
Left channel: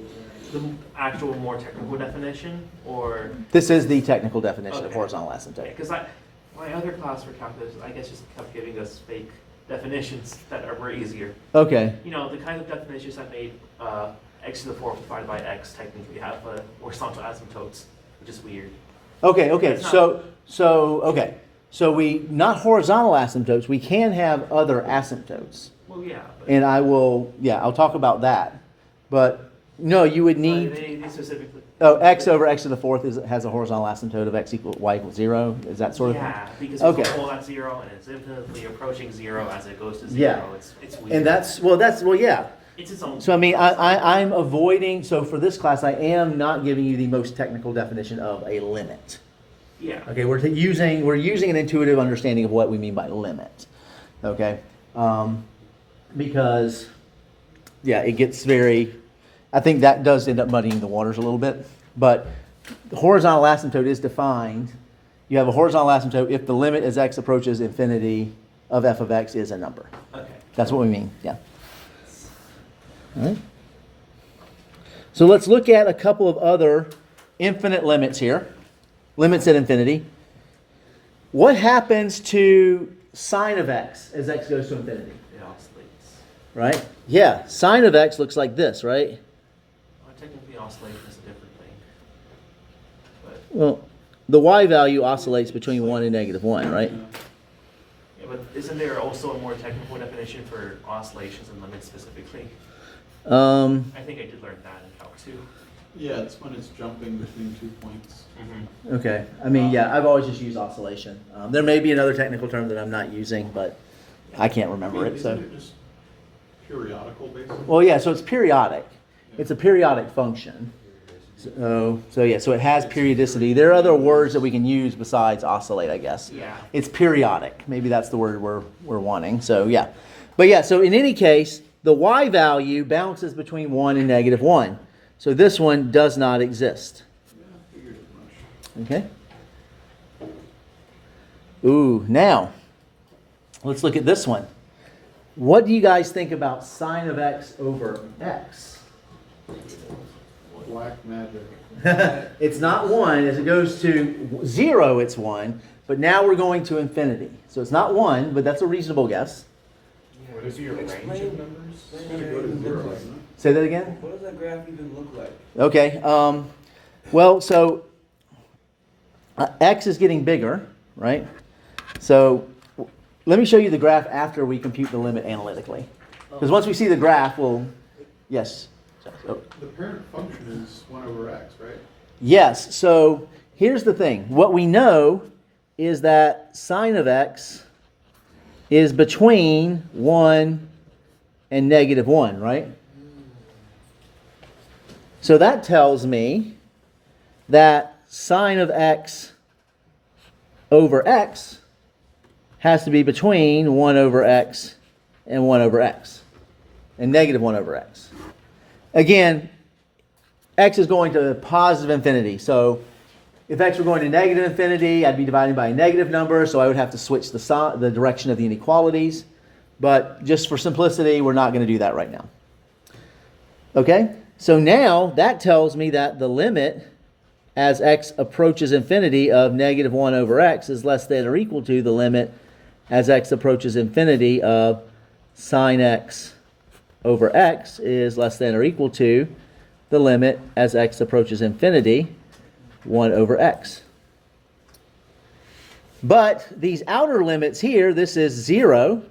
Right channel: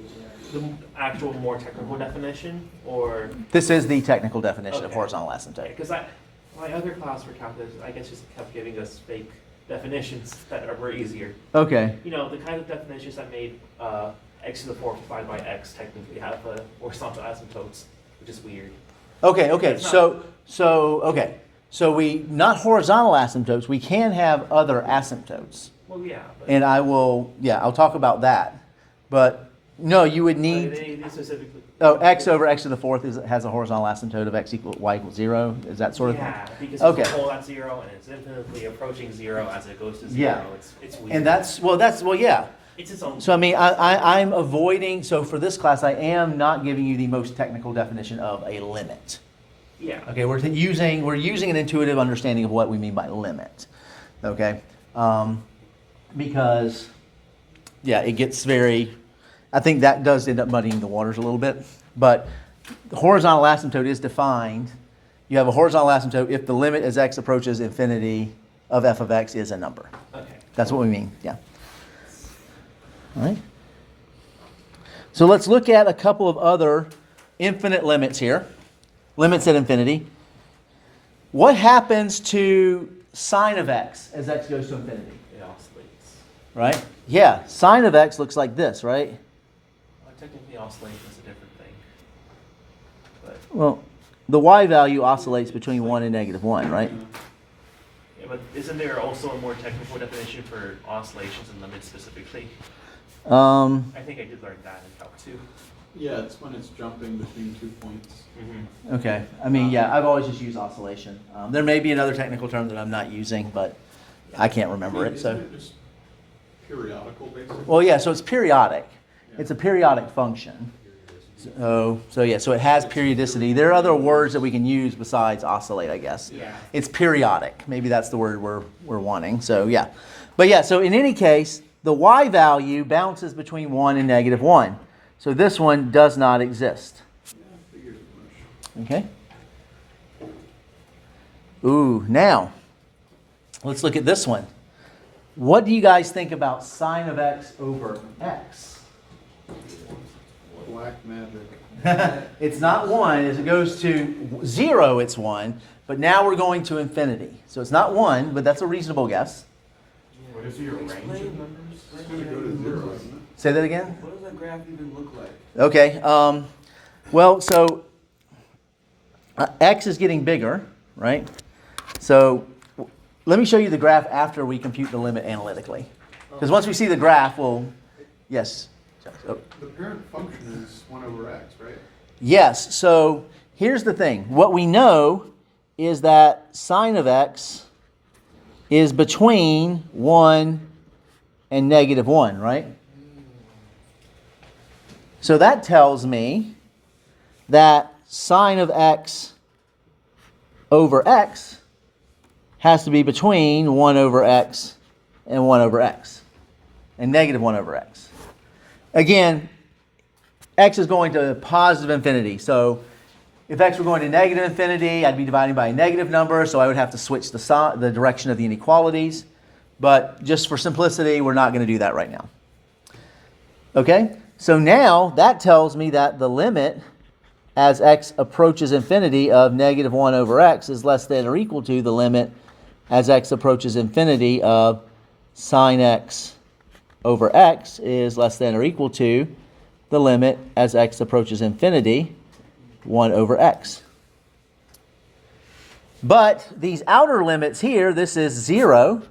the actual more technical definition, or This is the technical definition of Okay. horizontal asymptote. because my other class for calculus, I guess, just kept giving us fake definitions that were easier. Okay. You know, the kind of definitions that made x to the fourth divided by x technically have horizontal asymptotes, which is weird. Okay, It's not- So we, not horizontal asymptotes, we can have other asymptotes. Well, yeah, but And I'll talk about that. But no, you would need, they specifically. x over x to the fourth has a horizontal asymptote of x equal y equals 0. Is that sort of thing? Yeah, because Okay. it's a whole at 0 and it's infinitely approaching 0 as it goes to 0. Yeah. It's weird. And yeah. It's its own. So I mean, I'm avoiding, so for this class, I am not giving you the most technical definition of a limit. Yeah. Okay, we're using an intuitive understanding of what we mean by limit. Okay, because it gets very. I think that does end up muddying the waters a little bit. But the horizontal asymptote is defined. You have a horizontal asymptote if the limit as x approaches infinity of f of x is a number. Okay. That's what we mean. Yeah. All right. So let's look at a couple of other infinite limits here. Limits at infinity. What happens to sine of x as x goes to infinity? It oscillates. Right? Yeah, sine of x looks like this, right? Well, technically, oscillation is a different thing. But, Well, the y value oscillates between 1 and -1, right? yeah, but isn't there also a more technical definition for oscillations and limits specifically? I think I did learn that in Calc 2. Yeah, it's when it's jumping between 2 points. Mm-hmm. Okay. I mean, I've always just used oscillation. There may be another technical term that I'm not using, but I can't remember it. So, Isn't it just periodical, basically? well, yeah. So it's periodic. Yeah. It's a periodic function. So it has periodicity. There are other words that we can use besides oscillate, I guess. Yeah. It's periodic. Maybe that's the word we're wanting. So yeah. But yeah, so in any case, the y value bounces between 1 and -1. So this one does not exist. Yeah, I figured as much. Okay. Ooh, now let's look at this one. What do you guys think about sine of x over x? Black magic. It's not 1. As it goes to 0, it's 1. But now we're going to infinity. So it's not 1, but that's a reasonable guess. What is your range of numbers? It's gonna go to 0, isn't it? Say that again? What does that graph even look like? Okay. Well, so x is getting bigger, right? So let me show you the graph after we compute the limit analytically. Because once we see the graph, we'll... Yes. Oh. The parent function is 1 over x, right? Yes. So here's the thing. What we know is that sine of x is between 1 and -1, right? So that tells me that sine of x over x has to be between 1 over x and 1 over x, and -1 over x. Again, x is going to positive infinity. So if x were going to negative infinity, I'd be dividing by a negative number, so I would have to switch the direction of the inequalities. But just for simplicity, we're not going to do that right now. Okay? So now that tells me that the limit as x approaches infinity of -1 over x is less than or equal to the limit as x approaches infinity of sine x over x is less than or equal to the limit as x approaches infinity 1 over x. But these outer limits here, this is 0.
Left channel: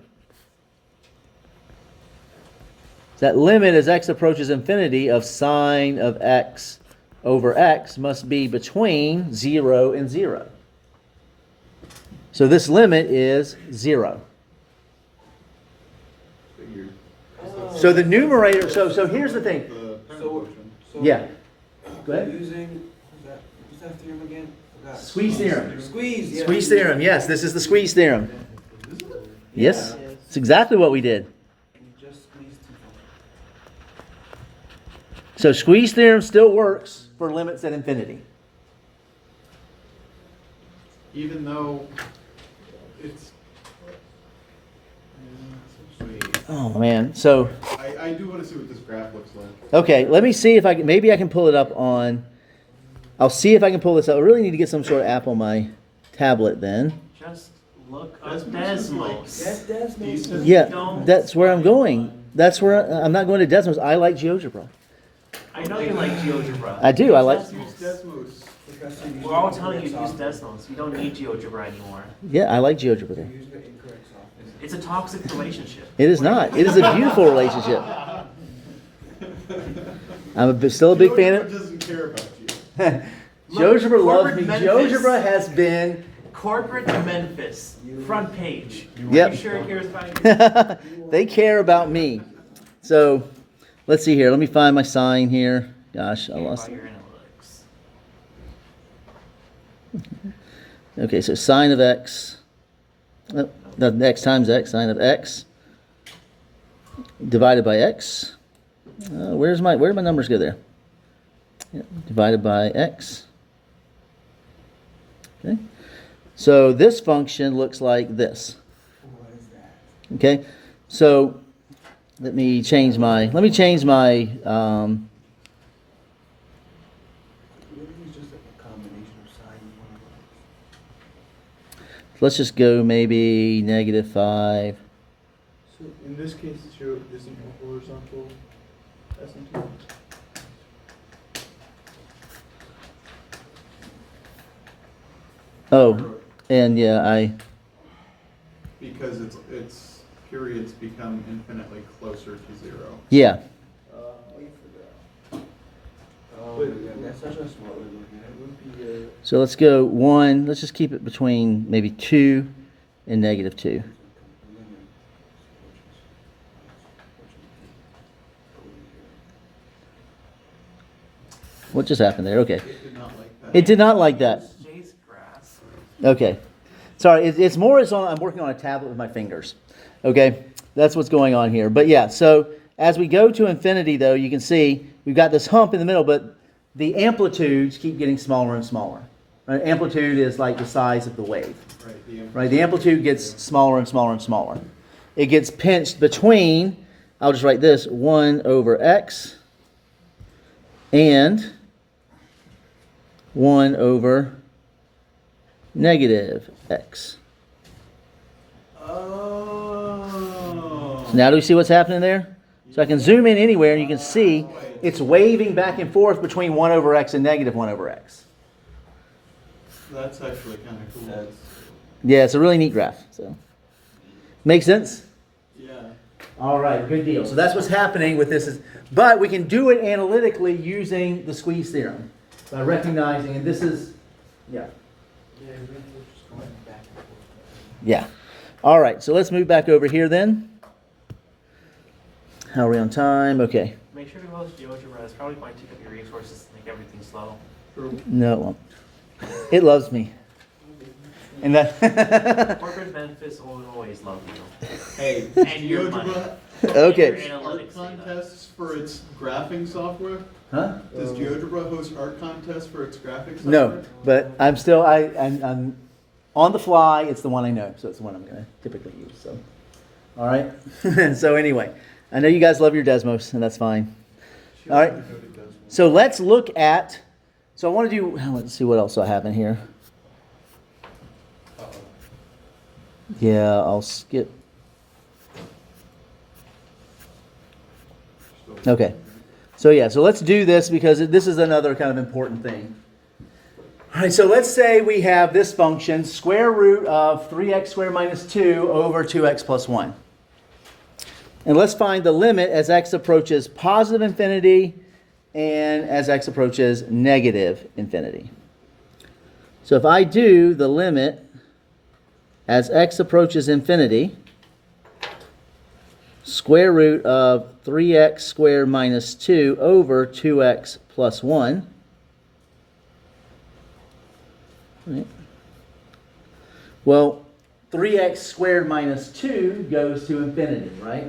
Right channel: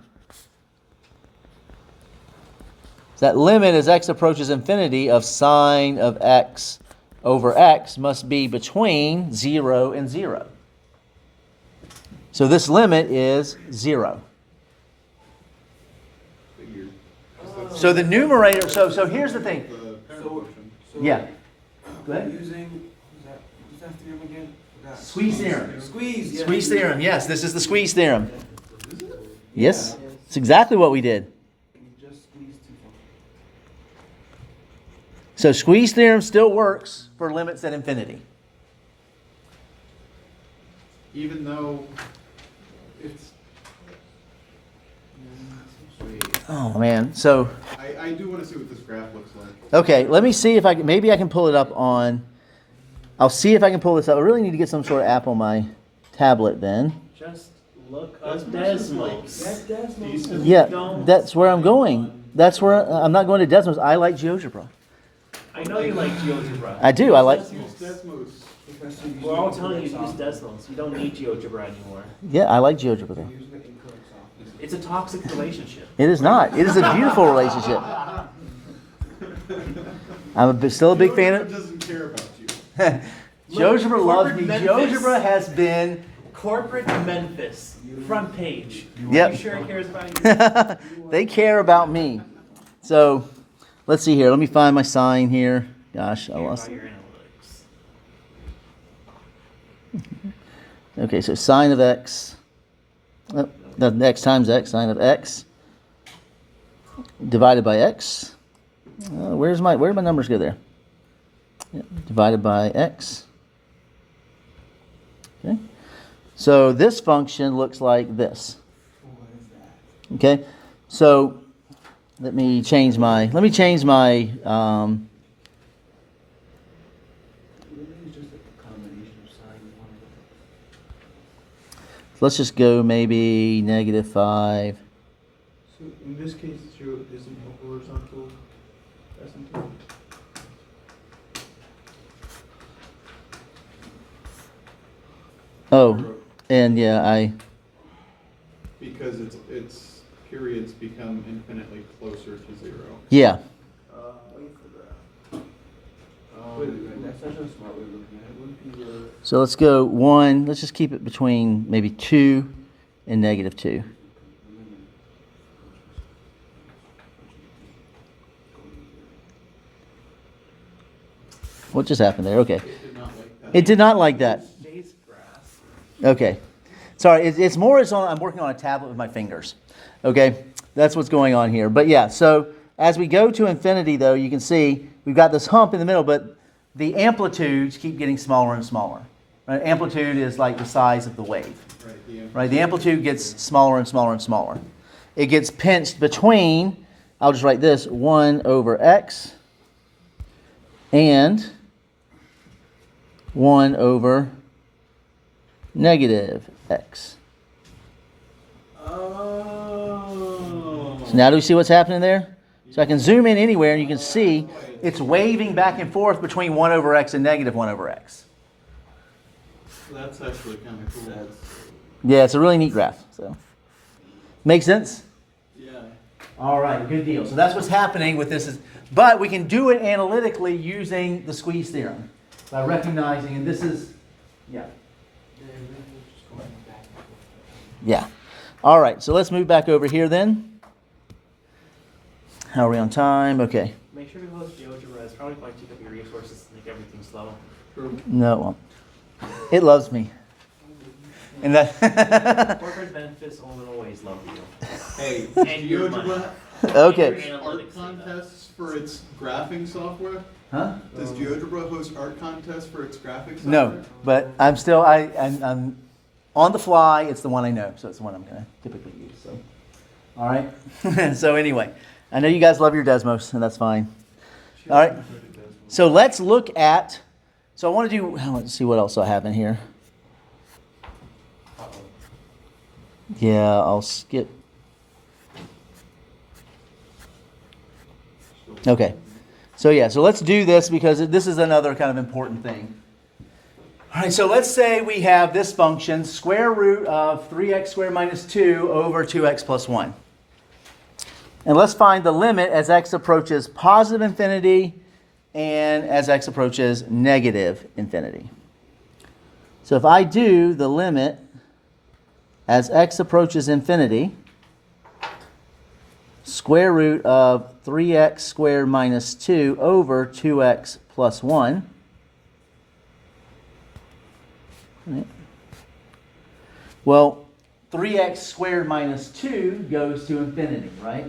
That limit as x approaches infinity of sine of x over x must be between 0 and 0. So this limit is 0. Figured. So the numerator, so here's the thing. The parent So- function. Yeah. Go ahead. Using, what's that theorem again? Forgot. Squeeze theorem. Squeeze, yeah. Squeeze theorem, yes, this is the squeeze theorem. Yes, it's exactly what we did. You just squeeze too far. So squeeze theorem still works for limits at infinity. Even though it's, wait, Oh man, so I do want to see what this graph looks like. okay, let me see if maybe I can pull it up on, I'll see if I can pull this up. I really need to get some sort of app on my tablet then. Just look up Desmos is like- Desmos. That does make Decent. Yeah, that's where I'm going. That's where, I'm not going to Desmos. I like GeoGebra. I know you like GeoGebra. I do, I like, Use Desmos. Professor, you're We're all using telling you the to use incorrect Desmos. You don't need GeoGebra anymore. yeah, I like GeoGebra software. though. You're using the incorrect software. It's a toxic relationship. It is not. It is a beautiful relationship. I'm still a big fan GeoGebra of doesn't care about you. GeoGebra loves corporate me. Memphis. GeoGebra has been Corporate Memphis, front page. Yep. Are you sure it cares about you? they care about me. So let's see here. Let me find my sign here. Gosh, I Care lost about it. your analytics. Okay, so sine of x. The x times x, sine of x divided by x. Where did my numbers go there? Yeah, divided by x. Okay. So this function looks like this. What is that? Okay. So let me change my Really, it's just a combination of sine and one of let's just go maybe -5. So in this case, it's this is a horizontal asymptote. Oh, and yeah, Because its periods become infinitely closer to zero. yeah. Wait for that. Oh, yeah, that's such a smart way of looking at it. Would be your So let's go 1. Let's just keep it between maybe 2 and -2. What just happened there? Okay. It did not like that. It did not like that. It's Jay's grass. Okay. Sorry, it's more I'm working on a tablet with my fingers. Okay? That's what's going on here. But yeah, so as we go to infinity, though, you can see we've got this hump in the middle, but the amplitudes keep getting smaller and smaller. Right? Amplitude is like the size of the wave. Right? The amplitude gets smaller and smaller and smaller. It gets pinched between, I'll just write this, 1 over x and 1 over negative x. Oh. So now do we see what's happening there? So I can zoom in anywhere and you can see it's waving back and forth between 1 over x and -1 over x. That's actually kind of cool. Yeah, it's a really neat graph. So, make sense? Yeah. All right, good deal. So that's what's happening with this. But we can do it analytically using the squeeze theorem by recognizing, and this is, yeah. Yeah. All right, so let's move back over here then. How are we on time? Okay. Make sure to go with GeoGebra. It's probably going to take up your resources to make everything slow. No, it won't. It loves me. And that. Corporate Memphis will always love you. Hey, And your money. GeoGebra Okay. Your art analytics data. contests for its graphing software? Huh? Does GeoGebra host art contests for its graphic software? No, but I'm still I'm on the fly. It's the one I know, so it's the one I'm going to typically use. So, all right. So anyway, I know you guys love your Desmos, and that's fine. All right. So let's look at. So I want to do. Let's see what else I have in here. Yeah, I'll skip. Okay. So yeah, so let's do this because this is another kind of important thing. All right, so let's say we have this function, square root of 3x squared minus 2 over 2x plus 1. And let's find the limit as x approaches positive infinity and as x approaches negative infinity. So if I do the limit as x approaches infinity, square root of 3x squared minus 2 over 2x plus 1. Right. Well, 3x squared minus 2 goes to infinity, right?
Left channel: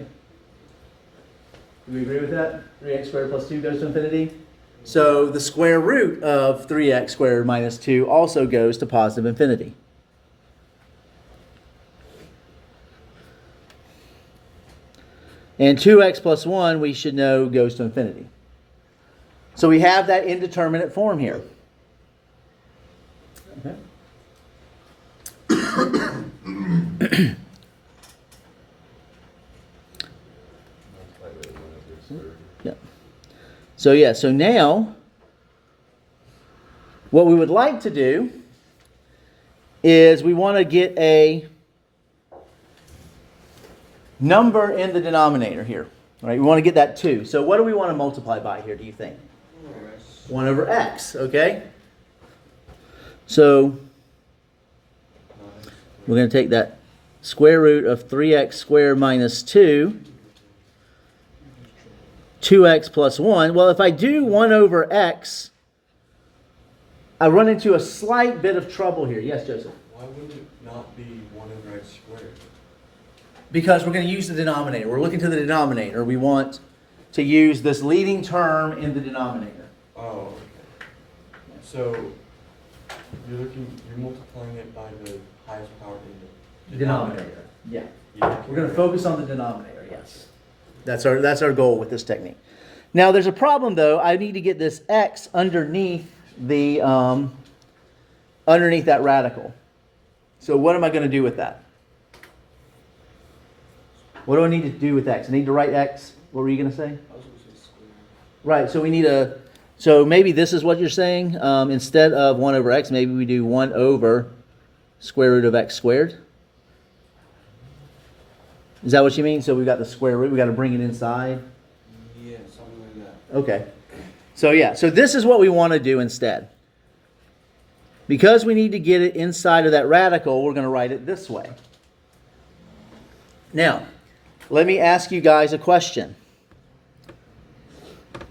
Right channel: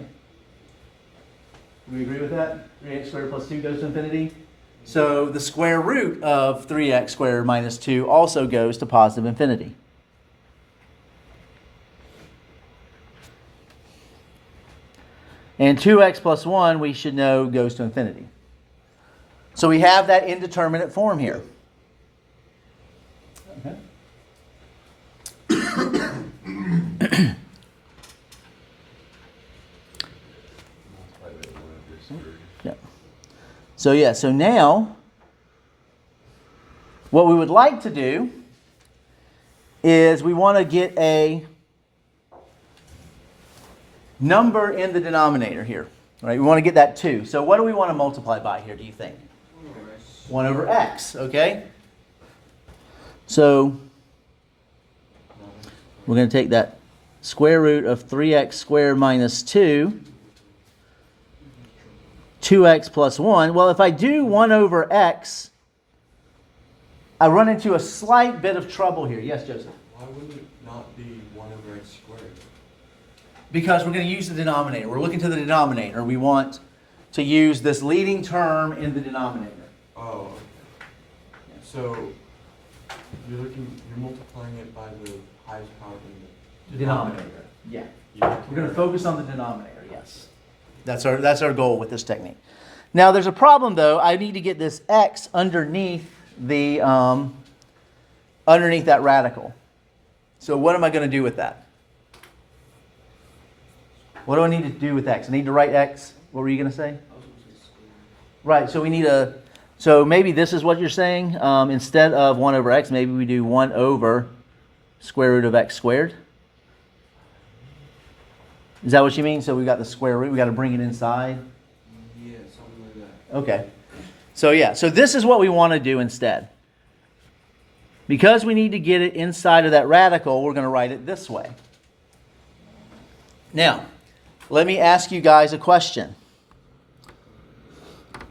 Do we agree with that? 3x squared plus 2 goes to infinity? So the square root of 3x squared minus 2 also goes to positive infinity. And 2x plus 1, we should know, goes to infinity. So we have that indeterminate form here. Okay. Yeah. So now, what we would like to do is we want to get a number in the denominator here. Right? We want to get that 2. So what do we want to multiply by here, do you think? 1 over x, okay? So we're going to take that square root of 3x squared minus 2, 2x plus 1. Well, if I do 1 over x, I run into a slight bit of trouble here. Yes, Joseph? Why wouldn't it not be 1 over x squared? Because we're going to use the denominator. We're looking to the denominator. We want to use this leading term in the denominator. Oh, okay. So you're multiplying it by the highest power in the denominator. Yeah. You're We're going to focus on the denominator, yes. That's our goal with this technique. Now there's a problem though. I need to get this x underneath the underneath that radical. So what am I going to do with that? What do I need to do with x? I need to write x. What were you going to say? Right, so we need so maybe this is what you're saying. Instead of 1 over x, maybe we do 1 over square root of x squared. Is that what you mean? So we got the square root. We got to bring it inside. Yeah, something like that. Okay. So yeah, so this is what we want to do instead. Because we need to get it inside of that radical, we're going to write it this way. Now, let me ask you guys a question.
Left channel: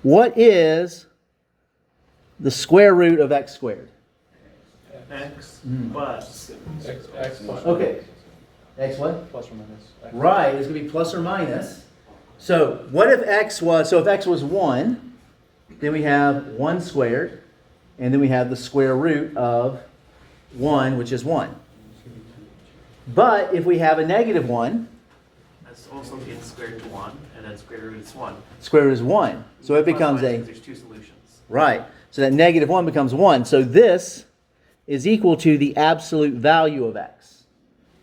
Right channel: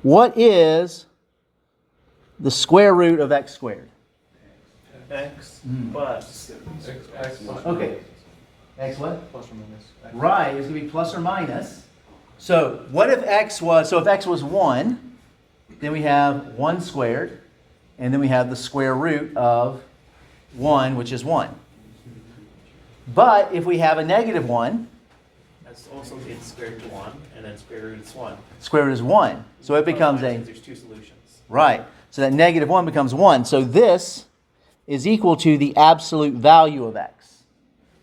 What is the square root of x squared? X plus. X plus Okay. X what? plus or minus. Right, it's going to be plus or minus. So what if x was, if x was 1, then we have 1 squared, and then we have the square root of 1, which is 1. But if we have a negative 1, That's also getting squared to 1, and then square root is 1. square root is 1. So it becomes a, There's 2 solutions. right, so that negative 1 becomes 1. So this is equal to the absolute value of x,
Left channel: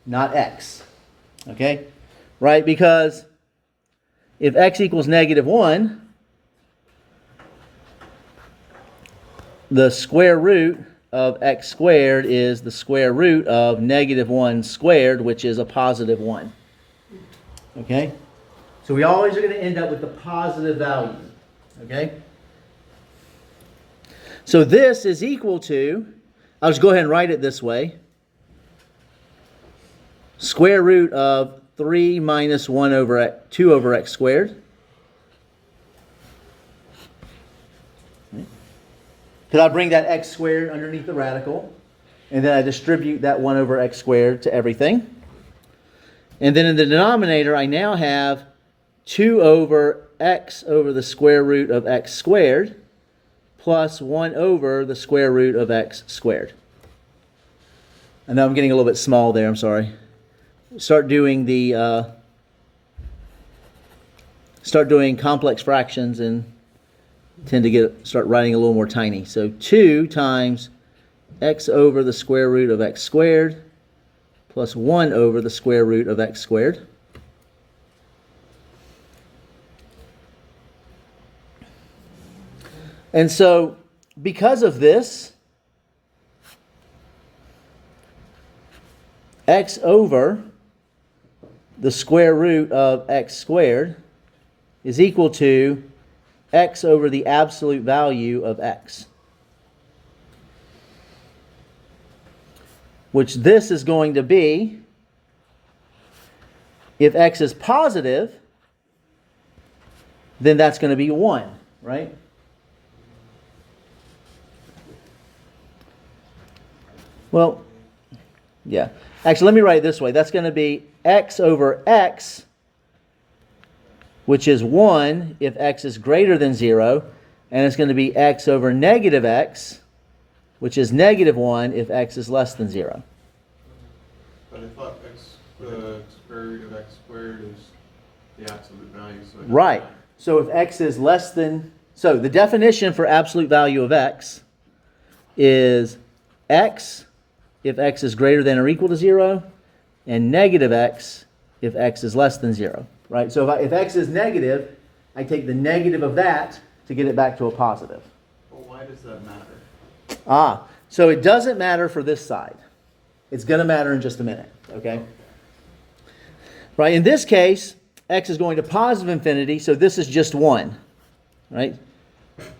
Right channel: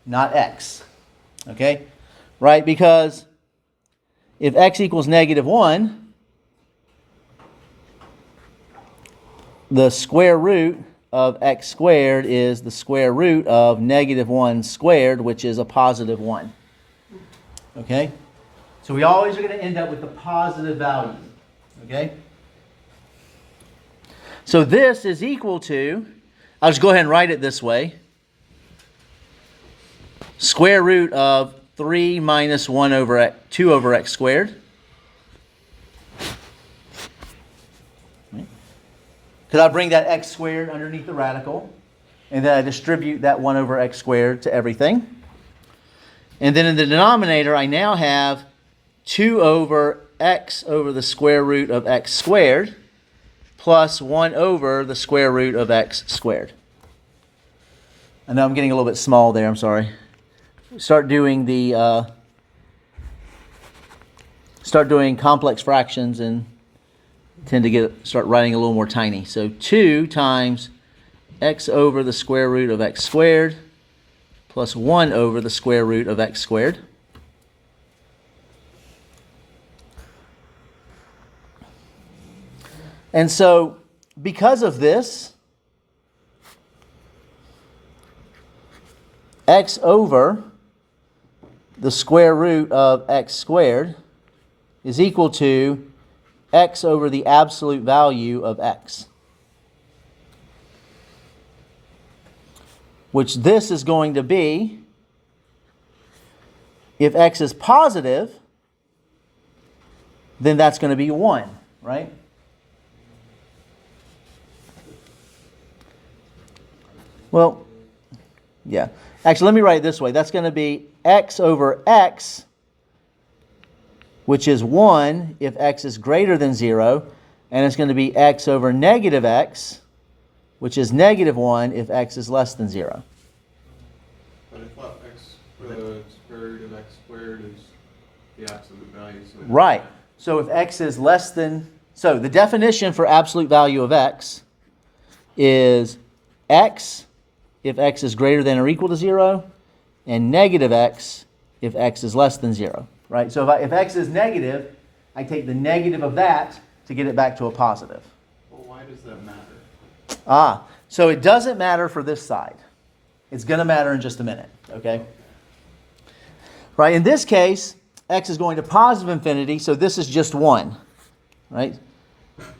not x. Okay? Right, because if x equals negative 1, the square root of x squared is the square root of negative 1 squared, which is a positive 1. Okay? So we always are going to end up with the positive value. Okay? So this is equal to, I'll just go ahead and write it this way. Square root of 3 minus 1 over x, 2 over x squared. Because I bring that x squared underneath the radical, and then I distribute that 1 over x squared to everything. And then in the denominator, I now have 2 over x over the square root of x squared plus 1 over the square root of x squared. I know I'm getting a little bit small there, I'm sorry. Start doing complex fractions and tend to start writing a little more tiny. So 2 times x over the square root of x squared plus 1 over the square root of x squared. And so, because of this, x over the square root of x squared is equal to x over the absolute value of x. Which this is going to be, if x is positive, then that's going to be 1, right? Well, yeah. Actually, let me write it this way. That's going to be x over x, which is 1 if x is greater than 0. And it's going to be x over negative x, which is negative 1 if x is less than 0. But I thought the square root of x squared is the absolute value, so. it doesn't Right. matter. So if x is less than... So the definition for absolute value of x is x if x is greater than or equal to 0, and negative x if x is less than 0. Right? So if x is negative, I take the negative of that to get it back to a positive. Well, why does that matter? So it doesn't matter for this side. It's going to matter in just a minute, okay? Right, in this case, x is going to positive infinity, so this is just 1, right?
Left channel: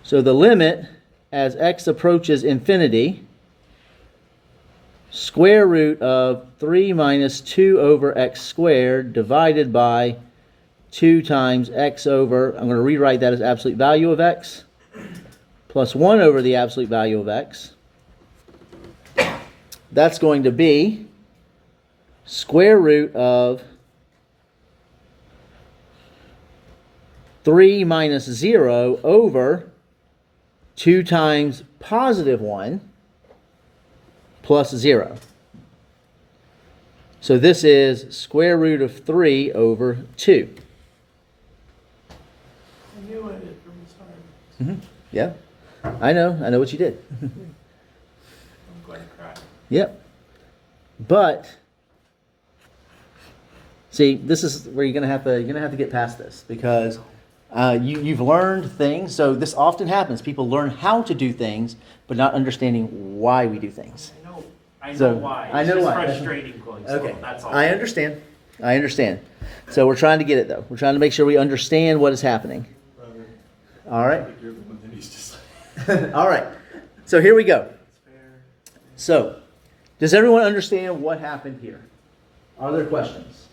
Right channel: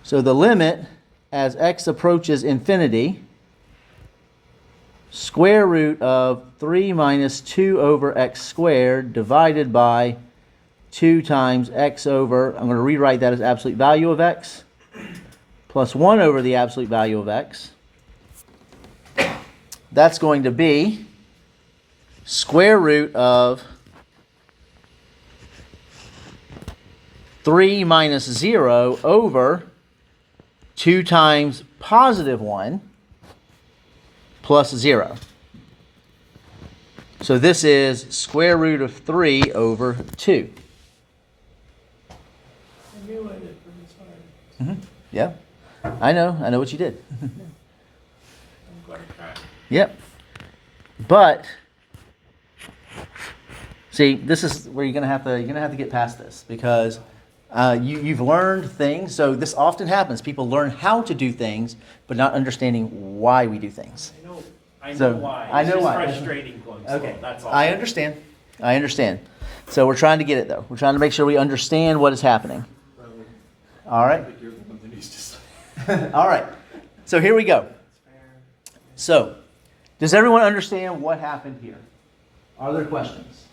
So the limit as x approaches infinity, square root of 3 minus 2 over x squared divided by 2 times x over, I'm going to rewrite that as absolute value of x, plus 1 over the absolute value of x. That's going to be square root of 3 minus 0 over 2 times positive 1 plus 0. So this is square root of 3 over 2. I knew I did from the start. Yeah, I know what you did. I'm going to cry. Yep. But see, this is where you're gonna have to get past this, because you've learned things. So this often happens. People learn how to do things, but not understanding why we do things. I know So, why. I It's know just why. frustrating going slow. Okay, That's all. I understand. So we're trying to get it though. We're trying to make sure we understand what is happening. Brother, All I right. think you're the one that needs to say. All right. So here we go. So, does everyone understand what happened here? Are there questions?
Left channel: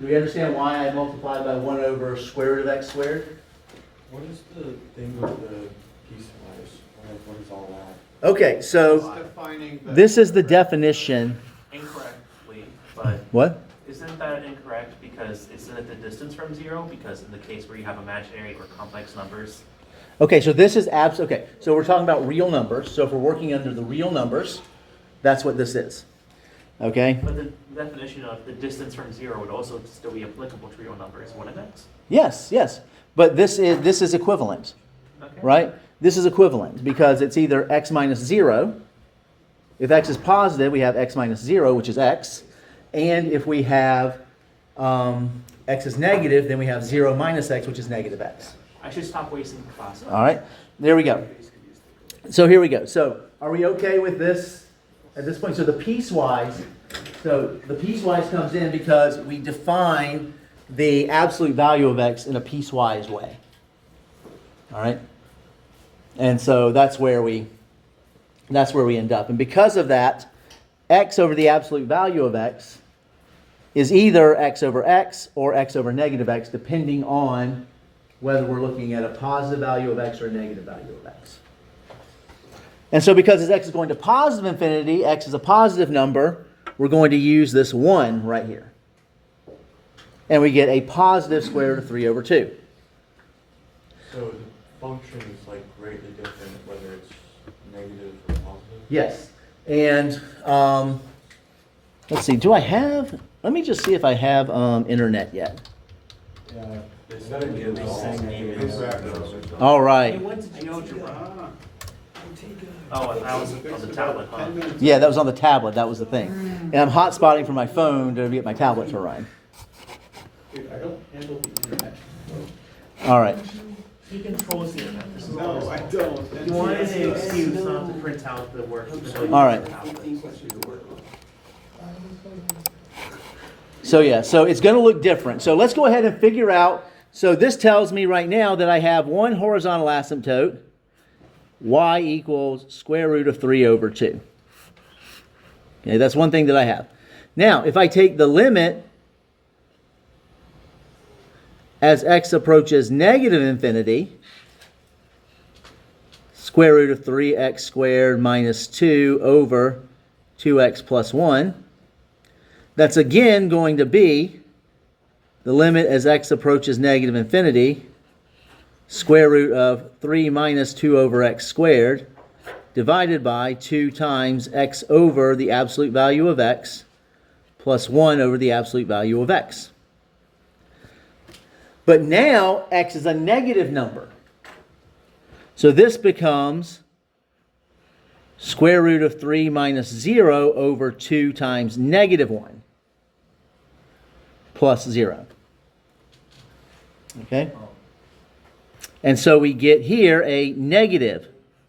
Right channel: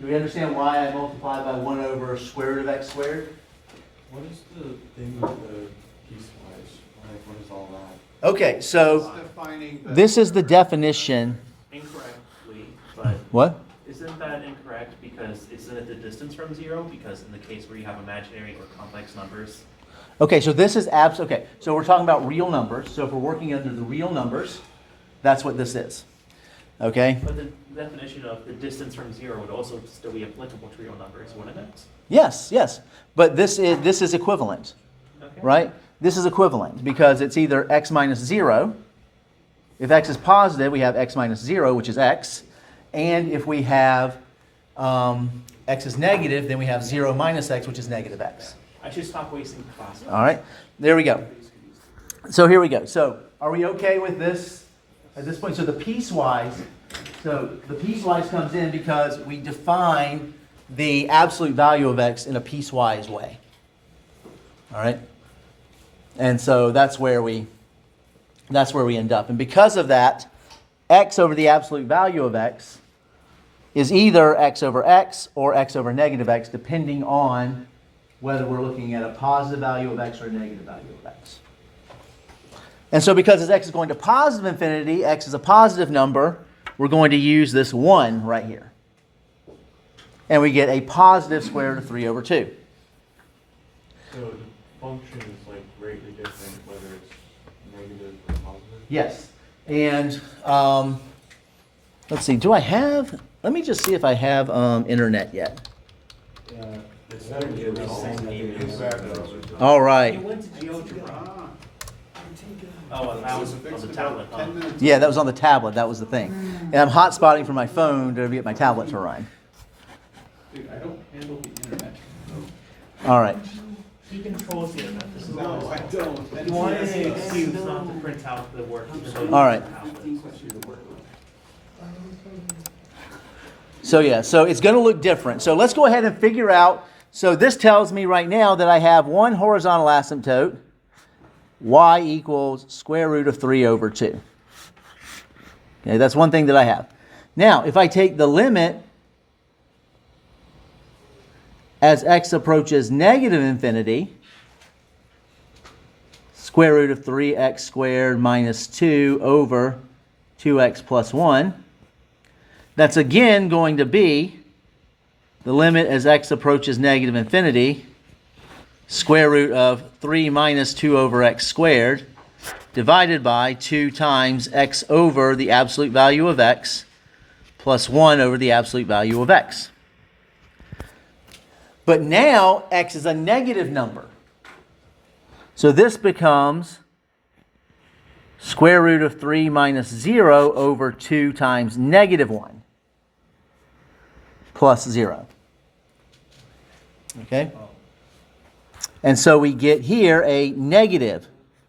Do we understand why I multiplied by 1 over square root of x squared? What is the thing with the piecewise? What is all that? Okay, so It's defining the- this is the definition. Incorrectly, but What? isn't that incorrect because isn't it the distance from 0? Because in the case where you have imaginary or complex numbers, Okay, so this is okay. So we're talking about real numbers. So if we're working under the real numbers, that's what this is. Okay? but the definition of the distance from 0 would also still be applicable to real numbers, wouldn't it? Yes. But this is equivalent. Okay. Right? This is equivalent because it's either x minus 0. If x is positive, we have x minus 0, which is x. And if we have x is negative, then we have 0 minus x, which is negative x. I should stop wasting class. All right? There we go. So here we go. So are we okay with this at this point? So the piecewise comes in because we define the absolute value of x in a piecewise way. All right? And so that's where we end up. And because of that, x over the absolute value of x is either x over x or x over negative x, depending on whether we're looking at a positive value of x or a negative value of x. And so because as x is going to positive infinity, x is a positive number, we're going to use this 1 right here. And we get a positive square root of 3 over 2. So the function is like greatly different whether it's negative or positive? Yes. And let's see, let me just see if I have internet yet. They said it was All You right. went to GeoGebra. Oh, and I was on the tablet, huh? Yeah, that was on the tablet. That was the thing. And I'm hotspotting from my phone to get my tablet to run. Dude, I don't handle the internet. All right. He controls the internet. This is No, all I his fault. don't. You wanted an excuse not to print out the work. All right. So yeah, so it's going to look different. So let's go ahead and figure out. So this tells me right now that I have one horizontal asymptote, y equals square root of 3 over 2. Okay, that's one thing that I have. Now, if I take the limit as x approaches negative infinity, square root of 3x squared minus 2 over 2x plus 1. That's again going to be the limit as x approaches negative infinity, square root of 3 minus 2 over x squared, divided by 2 times x over the absolute value of x, plus 1 over the absolute value of x. But now x is a negative number. So this becomes square root of 3 minus 0 over 2 times negative 1 plus 0. Okay? And so we get here a negative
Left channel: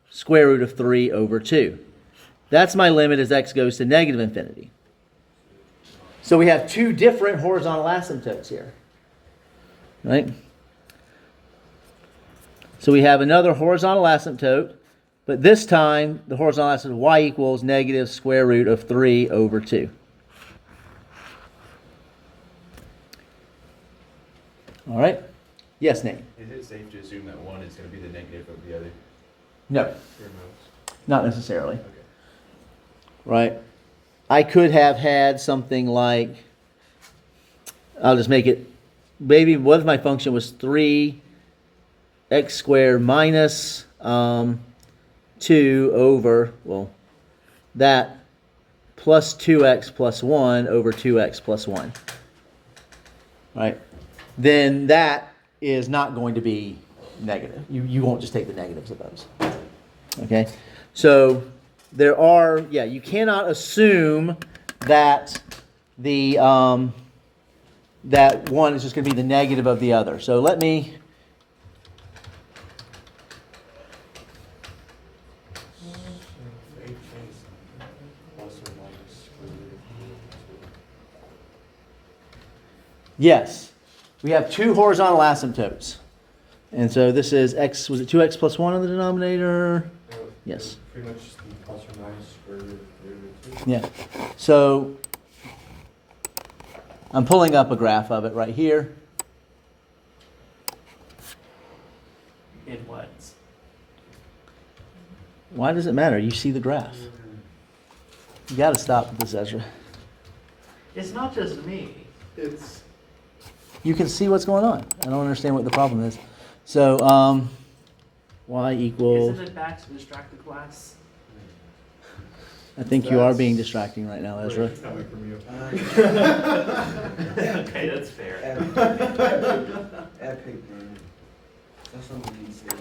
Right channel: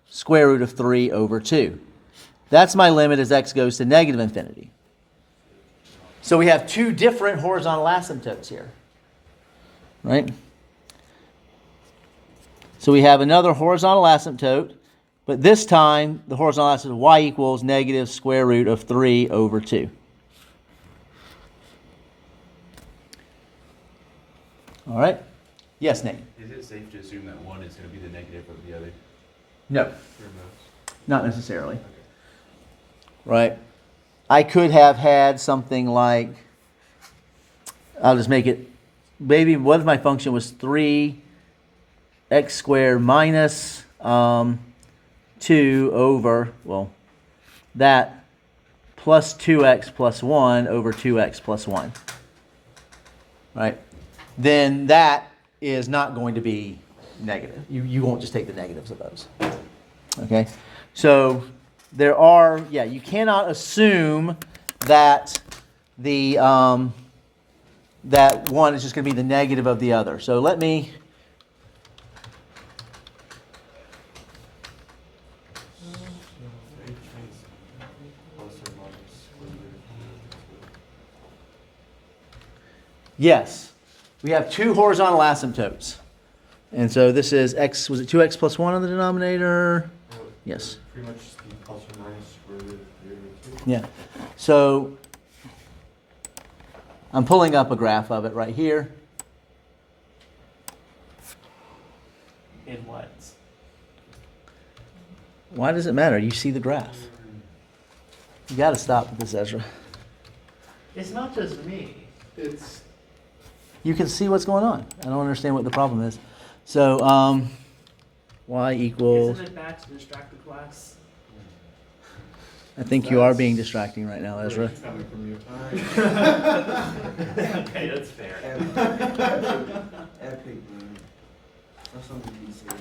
square root of 3 over 2. That's my limit as x goes to negative infinity. So we have two different horizontal asymptotes here. Right? So we have another horizontal asymptote, but this time the horizontal asymptote y equals negative square root of 3 over 2. All right? Yes, Nate? Is it safe to assume that one is going to be the negative of the other? No, not necessarily. Okay. Right? I could have had something like, I'll just make it, maybe what if my function was 3x squared minus 2 over, well, that plus 2x plus 1 over 2x plus 1. Right? Then that is not going to be negative. You won't just take the negatives of those. Okay? So there are, you cannot assume that the that one is just going to be the negative of the other. So let me yes, we have two horizontal asymptotes. And so this is x, was it 2x plus 1 on the denominator? Yes. Pretty much just the plus or minus square root of 3 over 2. Yeah. So I'm pulling up a graph of it right here. In what? Why does it matter? You see the graph. You got to stop with this, Ezra. It's not just me. You can see what's going on. I don't understand what the problem is. So, y equals, Isn't it bad to distract the class? I think you are being distracting right now, Ezra. Coming from you. Okay, that's fair. Epic, man. That's something you say.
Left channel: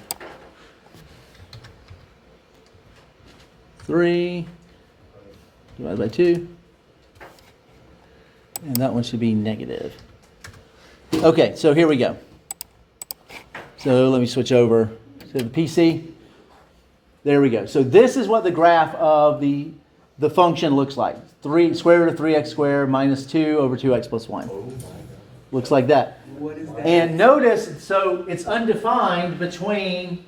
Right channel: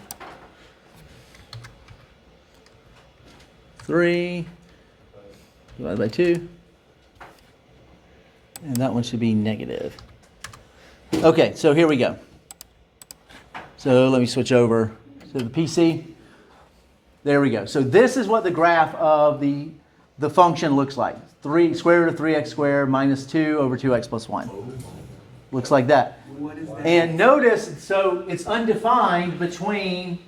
3 divided by 2. And that one should be negative. Okay, so here we go. So let me switch over to the PC. There we go. So this is what the graph of the function looks like. 3 square root of 3x squared minus 2 over 2x plus 1. Looks like that. What is that? And notice, so it's undefined between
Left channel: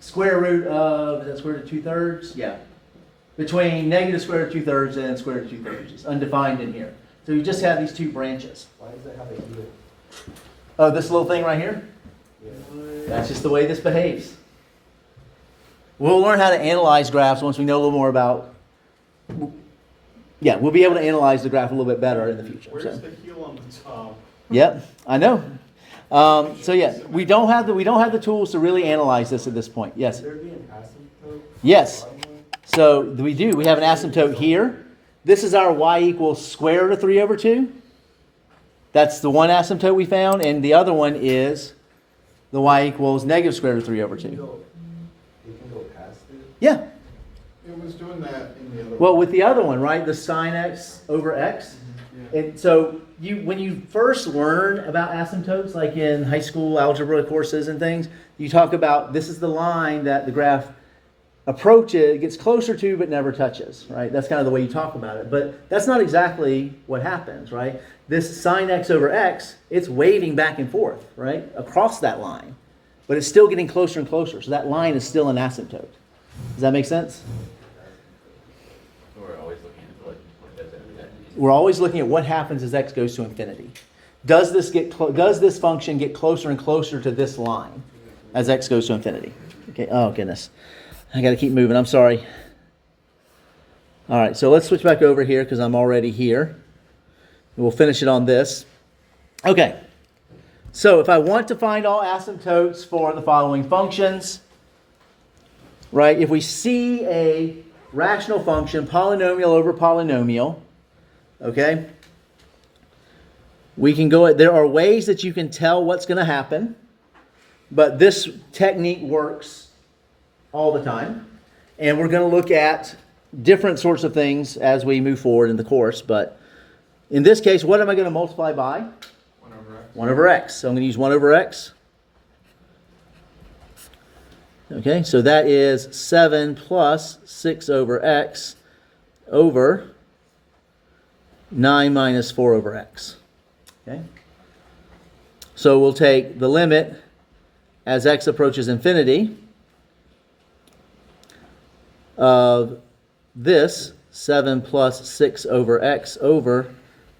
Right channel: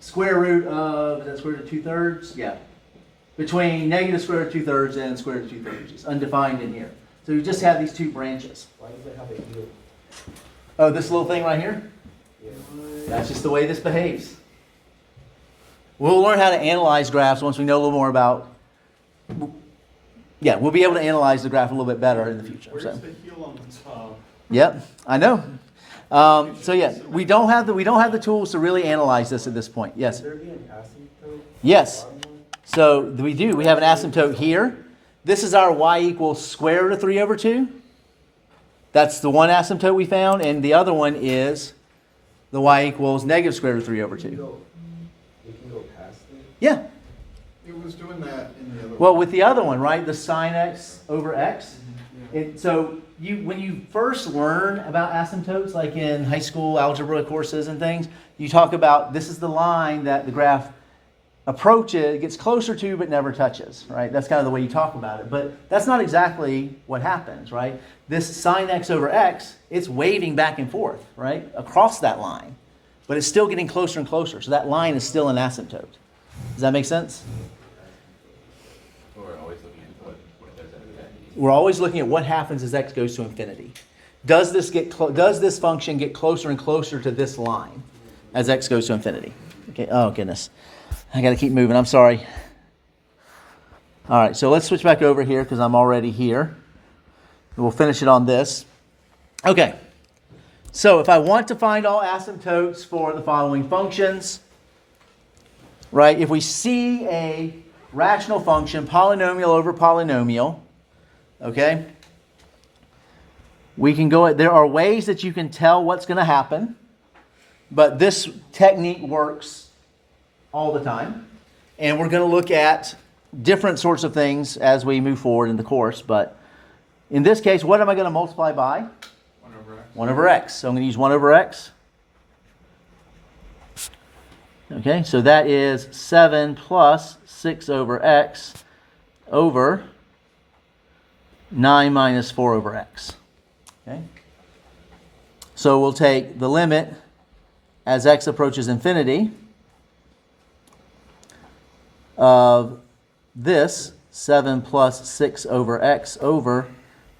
square root of, is that square root of 2/3? Yeah. Between negative square root of 2/3 and square root of 2/3. It's undefined in here. So you just have these two branches. Why does it have a heel? Oh, this little thing right here? Yeah. That's just the way this behaves. We'll learn how to analyze graphs once we know a little more about, we'll be able to analyze the graph a little bit better in the future. Where's So. the heel on the top? Yep, I know. We don't have the tools to really analyze this at this point. Yes. Would there be an asymptote? Yes. So we do. We have an asymptote here. This is our y equals square root of 3 over 2. That's the one asymptote we found, and the other one is the y equals negative square root of 3 over 2. We can go past it. Yeah. It was doing that in the other. Well, with the other one, right, the sine x over x. Yeah. And so when you first learn about asymptotes, like in high school algebra courses and things, you talk about this is the line that the graph approaches, gets closer to, but never touches, right? That's kind of the way you talk about it. But that's not exactly what happens, right? This sine x over x, it's waving back and forth, right, across that line. But it's still getting closer and closer. So that line is still an asymptote. Does that make sense? We're always looking at what does that mean? We're always looking at what happens as x goes to infinity. does this function get closer and closer to this line as x goes to infinity? Okay. Oh goodness, I got to keep moving. I'm sorry. All right, so let's switch back over here because I'm already here. We'll finish it on this. Okay. So if I want to find all asymptotes for the following functions, right? If we see a rational function, polynomial over polynomial, okay? We can go, there are ways that you can tell what's going to happen, but this technique works all the time. And we're going to look at different sorts of things as we move forward in the course, but in this case, what am I going to multiply by? 1 over x. So I'm going to use 1 over x. Okay, so that is 7 plus 6 over x over 9 minus 4 over x. Okay. So we'll take the limit as x approaches infinity of this 7 plus 6 over x over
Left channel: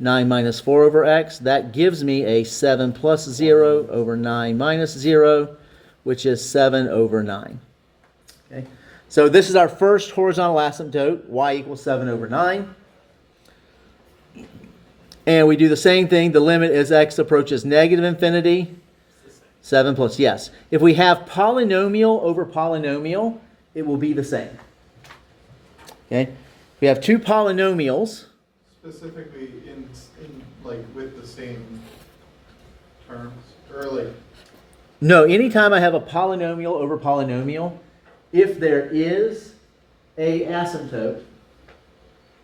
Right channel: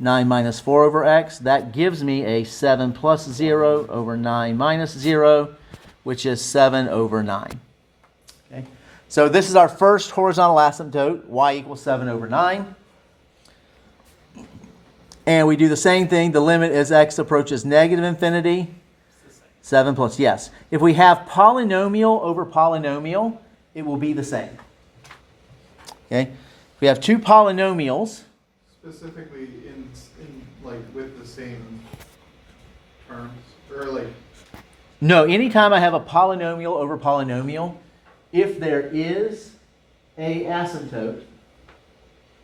9 minus 4 over x. That gives me a 7 plus 0 over 9 minus 0, which is 7 over 9. Okay. So this is our first horizontal asymptote, y equals 7 over 9. And we do the same thing. The limit as x approaches negative infinity. 7 plus, yes. If we have polynomial over polynomial, it will be the same. Okay. If we have two polynomials. Specifically in like with the same terms, or like. No, anytime I have a polynomial over polynomial, if there is a asymptote,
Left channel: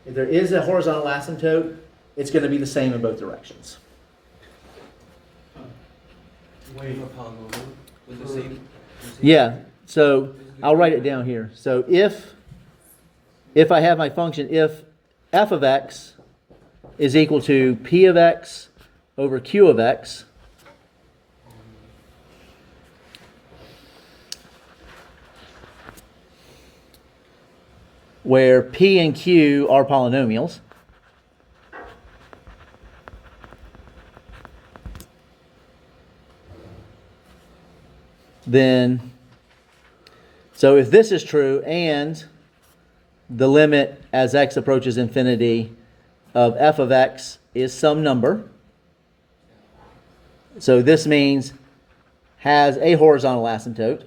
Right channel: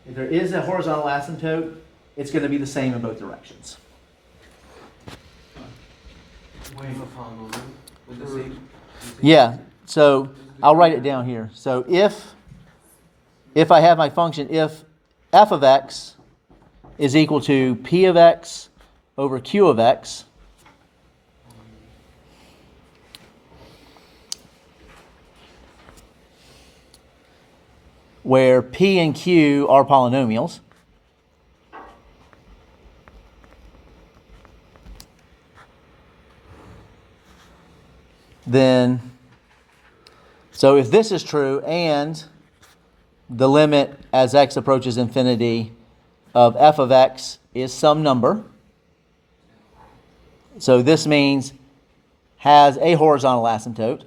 if there is a horizontal asymptote, it's going to be the same in both directions. Wait for polynomial with the same. Yeah, so I'll write it down here. So if I have my function, if f of x is equal to p of x over q of x, where p and q are polynomials, then, so if this is true and the limit as x approaches infinity of f of x is some number, so this means has a horizontal asymptote,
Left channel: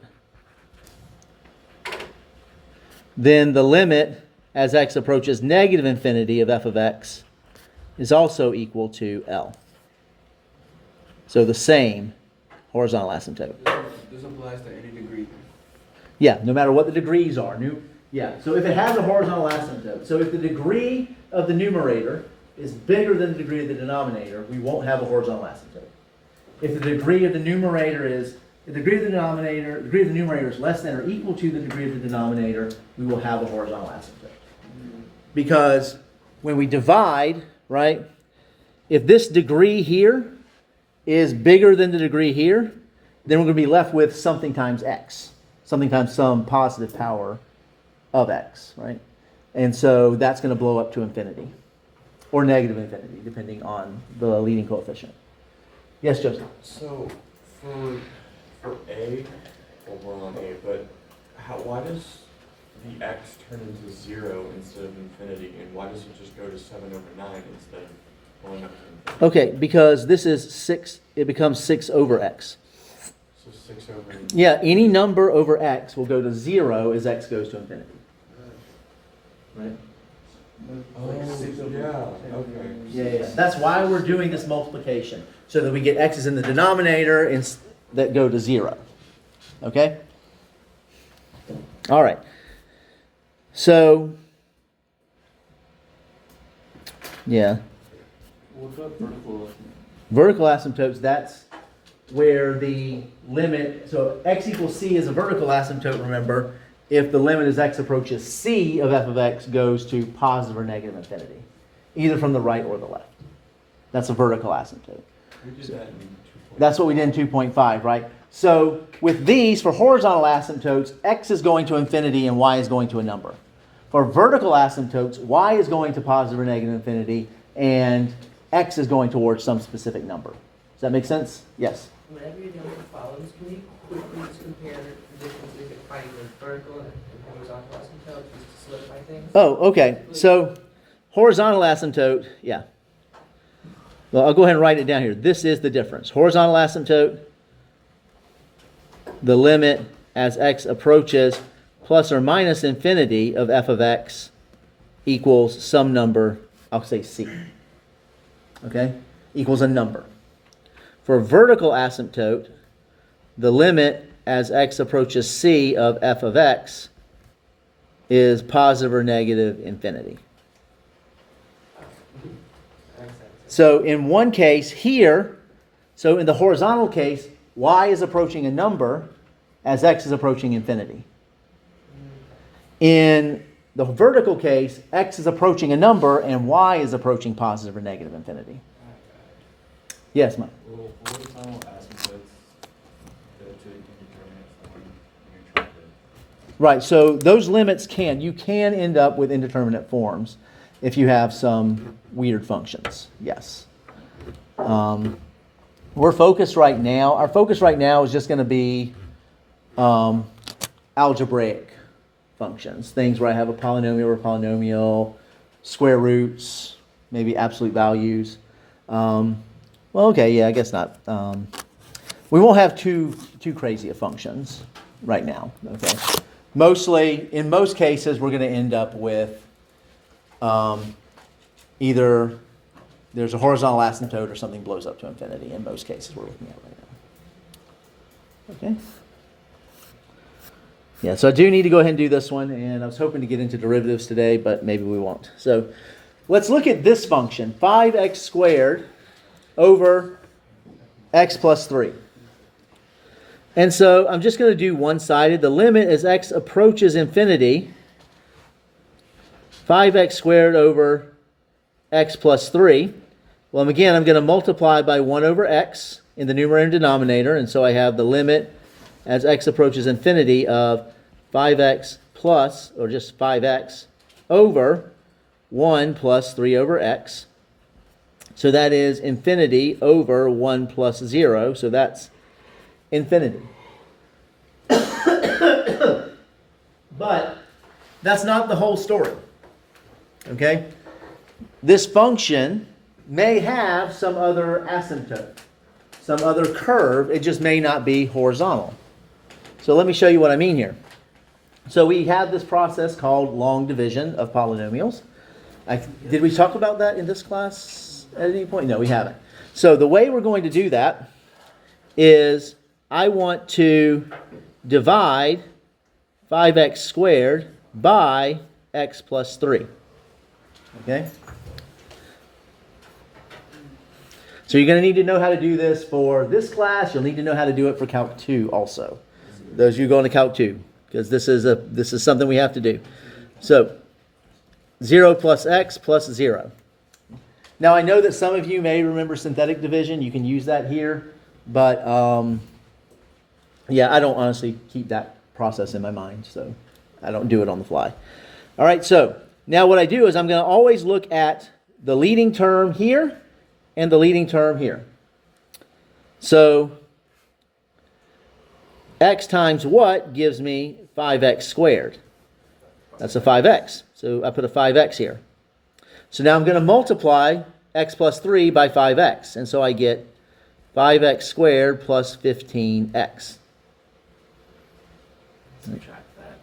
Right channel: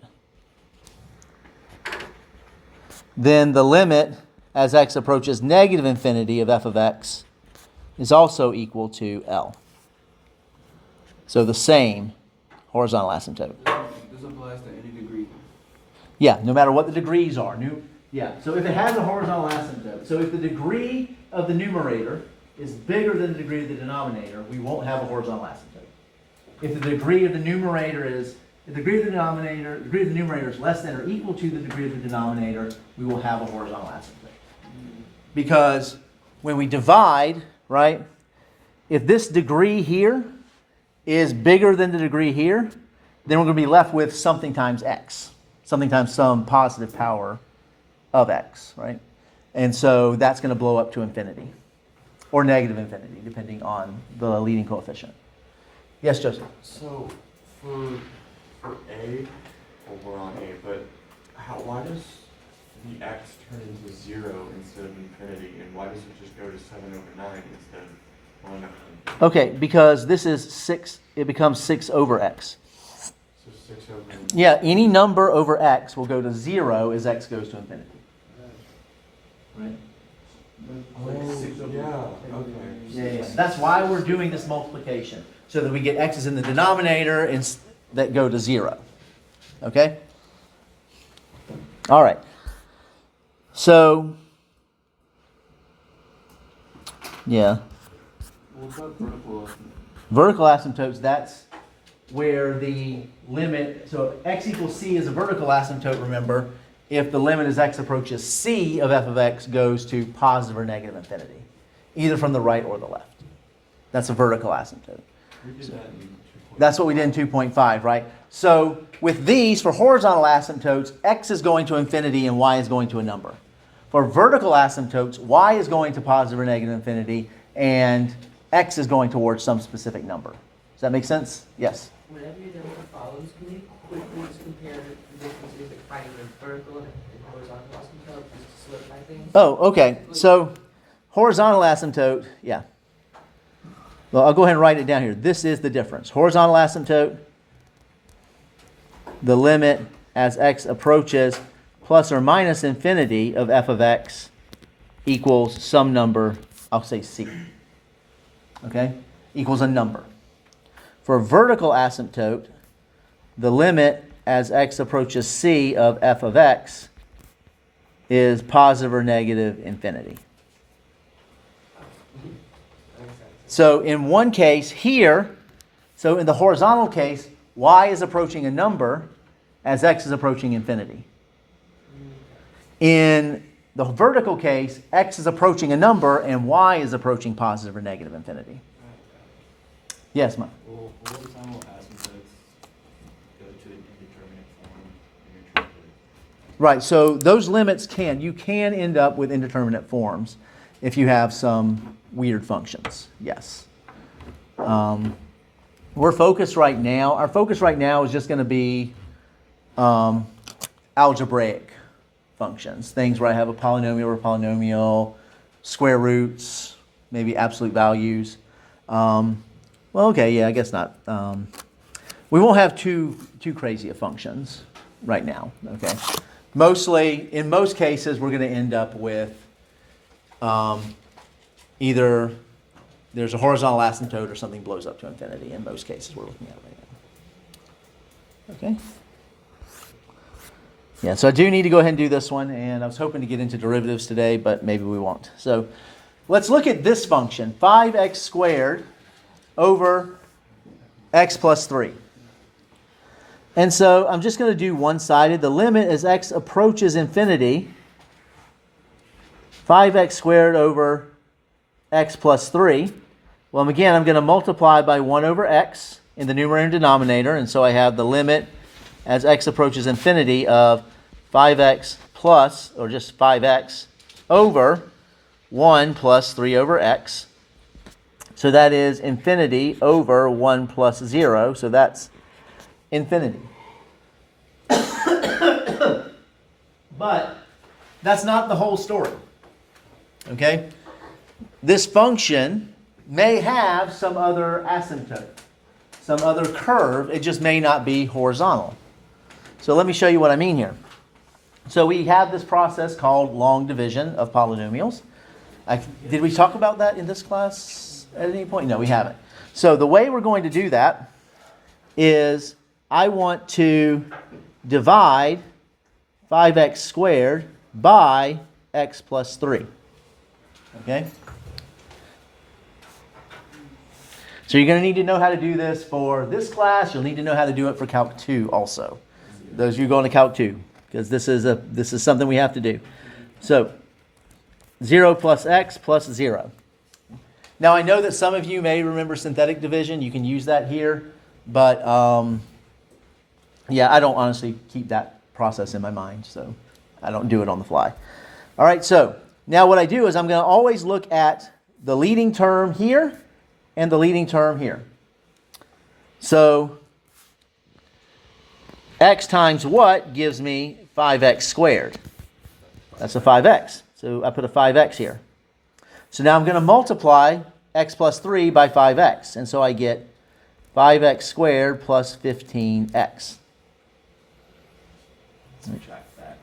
then the limit as x approaches negative infinity of f of x is also equal to L. So the same horizontal asymptote. This applies to any degree. Yeah, no matter what the degrees are. So if it has a horizontal asymptote, so if the degree of the numerator is bigger than the degree of the denominator, we won't have a horizontal asymptote. If the degree of the numerator is less than or equal to the degree of the denominator, we will have a horizontal asymptote. Because when we divide, right, if this degree here is bigger than the degree here, then we're going to be left with something times x, something times some positive power of x, right? And so that's going to blow up to infinity or negative infinity, depending on the leading coefficient. Yes, Joseph? So for A, well, we're on A, but why does the x turn into 0 instead of infinity, and why does it just go to 7 over 9 instead of going up to infinity? Okay, because this is 6, it becomes 6 over x. So 6 over Yeah, any number over x will go to 0 as x goes to infinity. Right? Oh, yeah, okay. Yeah. That's why we're doing this multiplication, so that we get x's in the denominator that go to 0. Okay? All right. So, yeah. What's up, vertical? Vertical asymptotes, that's where the limit, so x equals c is a vertical asymptote, remember, if the limit as x approaches c of f of x goes to positive or negative infinity, either from the right or the left. That's a vertical asymptote. We did that in 2.5. That's what we did in 2.5, right? So with these, for horizontal asymptotes, x is going to infinity and y is going to a number. For vertical asymptotes, y is going to positive or negative infinity and x is going towards some specific number. Does that make sense? Yes. Whenever you're done with the follows, can you quickly just compare the differences in finding the vertical and horizontal asymptote just to solidify things? Oh, okay. So horizontal asymptote, yeah. Well, I'll go ahead and write it down here. This is the difference. Horizontal asymptote, the limit as x approaches plus or minus infinity of f of x equals some number, I'll say c. Okay? Equals a number. For vertical asymptote, the limit as x approaches c of f of x is positive or negative infinity. Makes sense. So in one case here, so in the horizontal case, y is approaching a number as x is approaching infinity. In the vertical case, x is approaching a number and y is approaching positive or negative infinity. Yes, Mike? Well, horizontal asymptotes go to an indeterminate form, and you're trying to Right, so those limits you can end up with indeterminate forms if you have some weird functions, yes. We're focused right now, our focus right now is just going to be algebraic functions, things where I have a polynomial or polynomial, square roots, maybe absolute values. Well, okay, yeah, I guess not. We won't have too crazy of functions right now, okay? Mostly, in most cases, we're going to end up with either there's a horizontal asymptote or something blows up to infinity. In most cases, we're looking at right now. Okay? Yeah, so I do need to go ahead and do this one, and I was hoping to get into derivatives today, but maybe we won't. So let's look at this function, 5x squared over x plus 3. And so I'm just going to do one-sided. The limit as x approaches infinity, 5x squared over x plus 3. Well, again, I'm going to multiply by 1 over x in the numerator and denominator. And so I have the limit as x approaches infinity of 5x plus, or just 5x, over 1 plus 3 over x. So that is infinity over 1 plus 0. So that's infinity. But that's not the whole story. Okay? This function may have some other asymptote, some other curve. It just may not be horizontal. So let me show you what I mean here. So we have this process called long division of polynomials. Did we talk about that in this class at any point? No, we haven't. So the way we're going to do that is I want to divide 5x squared by x plus 3. Okay? So you're going to need to know how to do this for this class. You'll need to know how to do it for Calc 2 also. Those of you going to Calc 2, because this is something we have to do. So 0 plus x plus 0. Now I know that some of you may remember synthetic division. You can use that here. But yeah, I don't honestly keep that process in my mind. So I don't do it on the fly. All right, so now what I do is I'm going to always look at the leading term here and the leading term here. So x times what gives me 5x squared? That's a 5x. So I put a 5x here. So now I'm going to multiply x plus 3 by 5x. And so I get 5x squared plus 15x. Subtract that.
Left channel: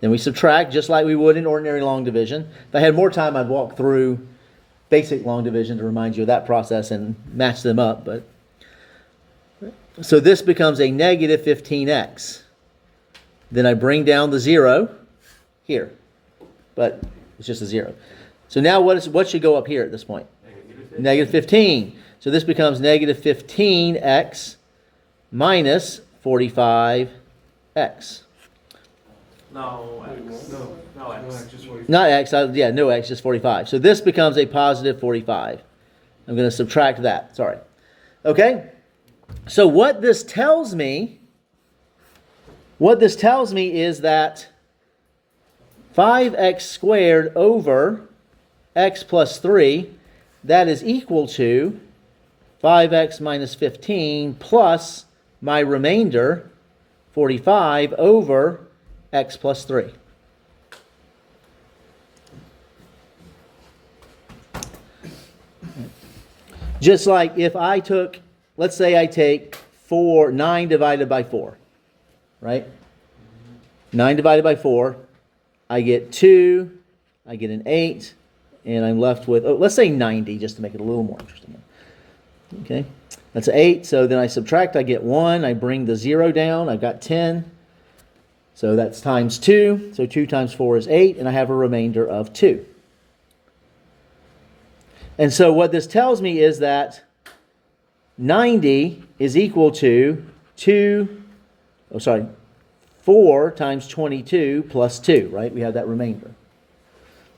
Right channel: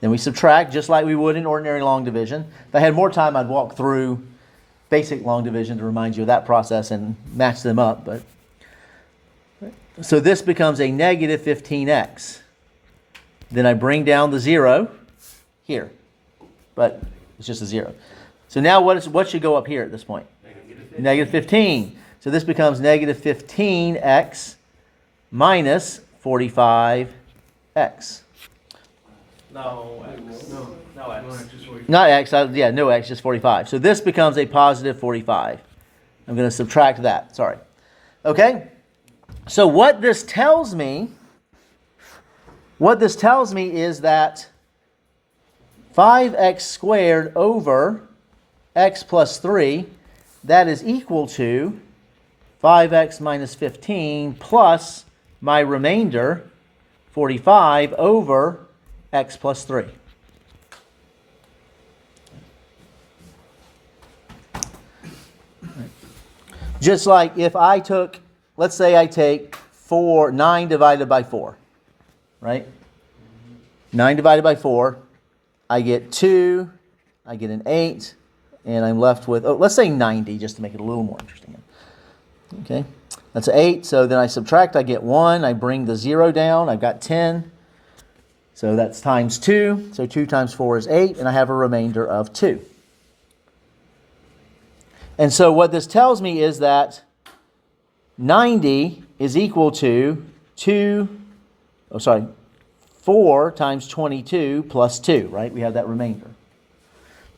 Then we subtract just like we would in ordinary long division. If I had more time, I'd walk through basic long division to remind you of that process and match them up. But so this becomes a negative 15x. Then I bring down the 0 here, but it's just a 0. So now what should go up here at this point? Negative 15. So this becomes negative 15x minus 45x. No x. No x. Not x, no x, just 45. So this becomes a positive 45. I'm going to subtract that, sorry. Okay? So what this tells me is that 5x squared over x plus 3 that is equal to 5x minus 15 plus my remainder, 45, over x plus 3. Just like if I took, let's say I take 9 divided by 4, right? 9 divided by 4, I get 2, I get an 8, and I'm left with, let's say 90, just to make it a little more interesting. Okay, that's 8, so then I subtract, I get 1, I bring the 0 down, I've got 10, so that's times 2, so 2 times 4 is 8, and I have a remainder of 2. And so what this tells me is that 90 is equal to 4 times 22 plus 2, right? We have that remainder.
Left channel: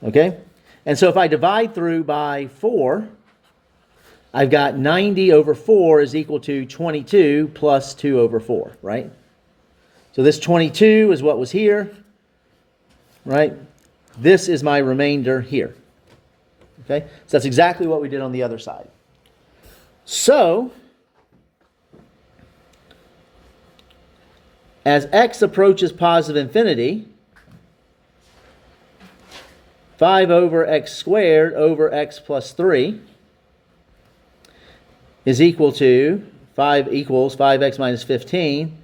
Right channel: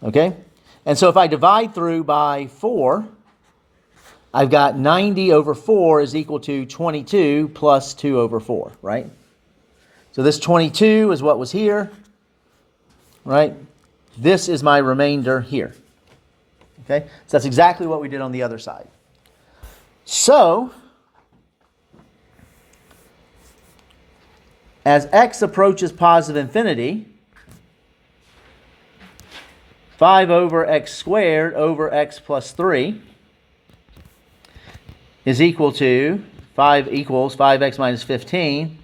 Okay? And so if I divide through by 4, I've got 90 over 4 is equal to 22 plus 2 over 4, right? So this 22 is what was here, right? This is my remainder here. Okay? So that's exactly what we did on the other side. So, as x approaches positive infinity, 5 over x squared over x plus 3 is equal to 5 equals 5x minus 15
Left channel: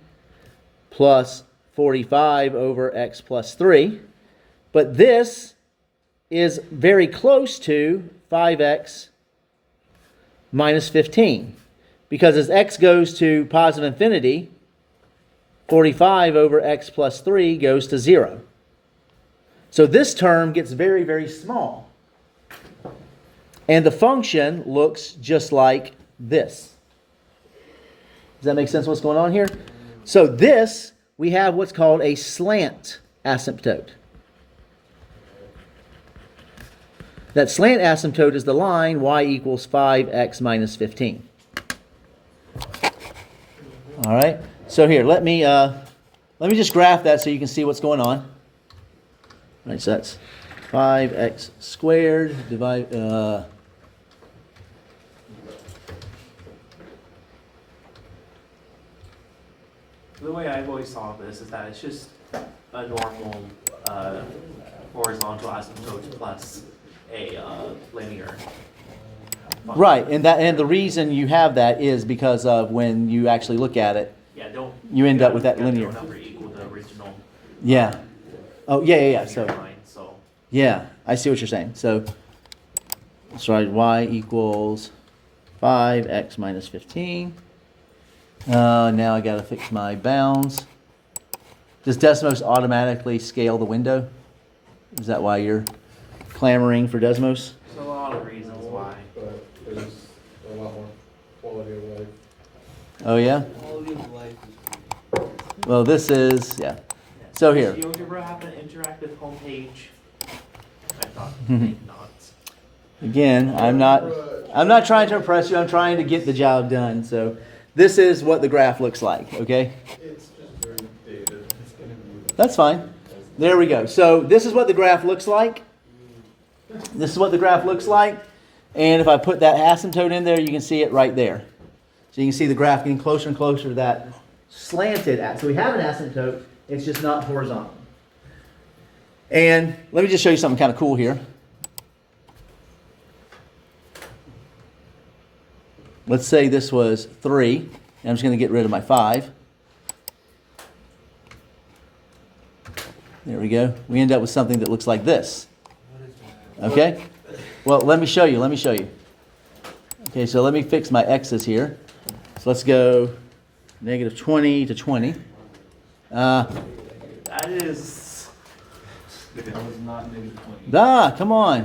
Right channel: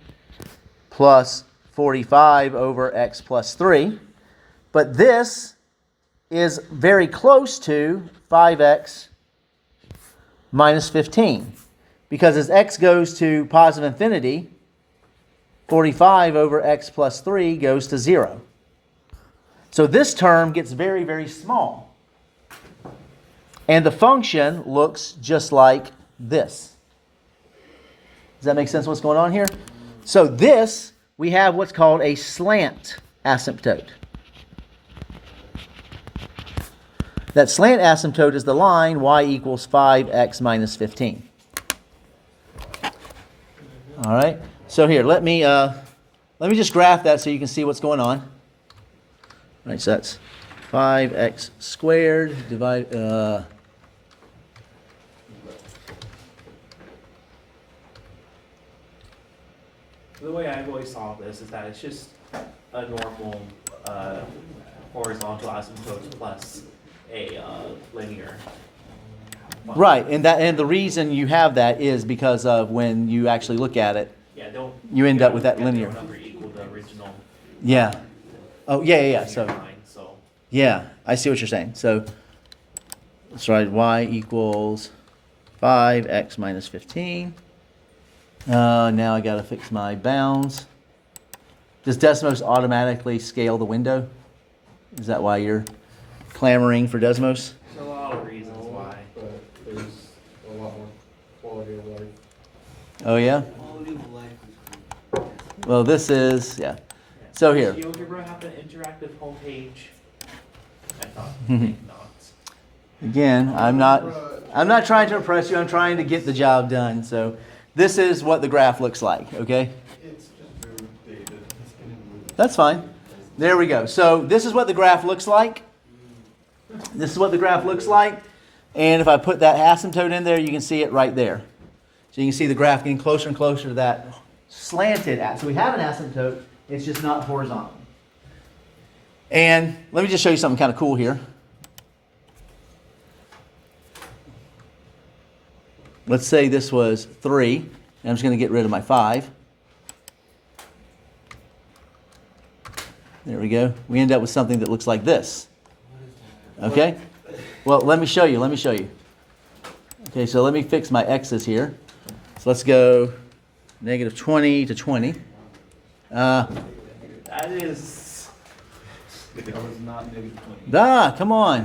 plus 45 over x plus 3. But this is very close to 5x minus 15. Because as x goes to positive infinity, 45 over x plus 3 goes to 0. So this term gets very, very small. And the function looks just like this. Does that make sense what's going on here? So this, we have what's called a slant asymptote. That slant asymptote is the line y equals 5x minus 15. All right. So here, let me just graph that so you can see what's going on. All right. So that's 5x squared divided. The way I've always saw this is that it's just a normal horizontal asymptote plus a linear. Right, and the reason you have that is because of when you actually look at it, Yeah, don't. you end up with that get linear. the number equal the original. Yeah. Oh, yeah. So, line, so yeah, I see what you're saying. So, that's right, y equals 5x minus 15. Now I got to fix my bounds. Does Desmos automatically scale the window? Is that why you're clamoring for Desmos? there's a lot of reasons why. But there's a lot more quality of life. Oh, yeah? Quality of life is Well, this is, yeah. So here. Does GeoGebra have an interactive homepage? I think not. Again, I'm not trying to impress you. I'm trying to get the job done. So this is what the graph looks like, okay? It's just very dated. It's getting moved. That's fine. There we go. So this is what the graph looks like. This is what the graph looks like. And if I put that asymptote in there, you can see it right there. So you can see the graph getting closer and closer to that slanted asymptote. So we have an asymptote, it's just not horizontal. And let me just show you something kind of cool here. Let's say this was 3, and I'm just going to get rid of my 5. There we go. We end up with something that looks like this. Okay? Well, let me show you. Okay, so let me fix my x's here. So let's go negative 20 to 20. That is. That was not -20. Come on.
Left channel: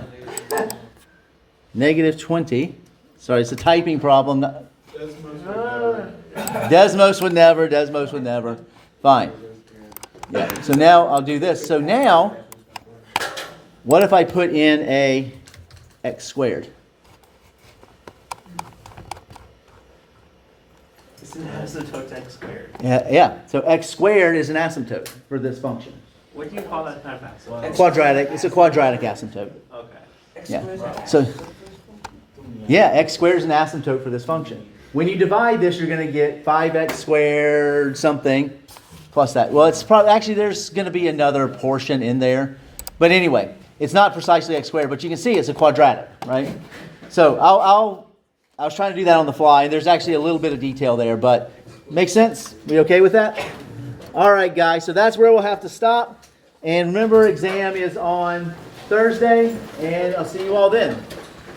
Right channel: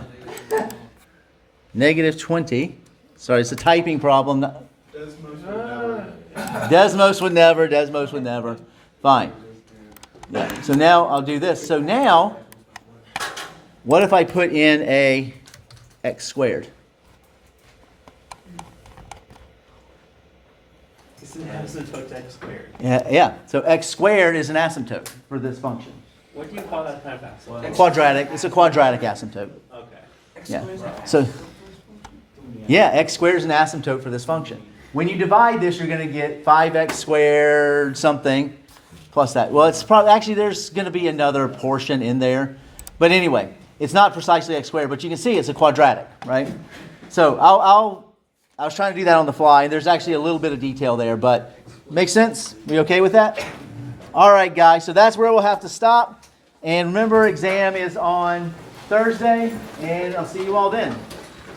Negative 20. Sorry, it's a typing problem. Desmos would never. Fine. Yeah. So now I'll do this. So now, what if I put in a x squared? It's an asymptote to x squared. Yeah. So x squared is an asymptote for this function. What do you call that kind of asymptote? Quadratic. It's a quadratic asymptote. Okay. Yeah. So Yeah, x squared is an asymptote for this function. When you divide this, you're going to get 5x squared something plus that. Well, it's probably, actually, there's going to be another portion in there. But anyway, it's not precisely x squared, but you can see it's a quadratic, right? So I was trying to do that on the fly. There's actually a little bit of detail there, but makes sense? We okay with that? All right, guys, so that's where we'll have to stop. And remember, exam is on Thursday, and I'll see you all then.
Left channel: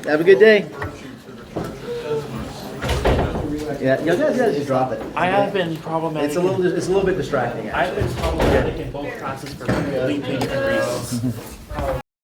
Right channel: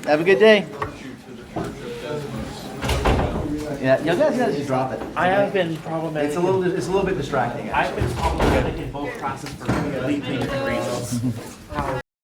Have a good day. Virtue to the Church of Desmos. Yeah, you guys gotta just drop it. I have been problematic. It's a little bit distracting. I've been problematic in both classes for completely different reasons.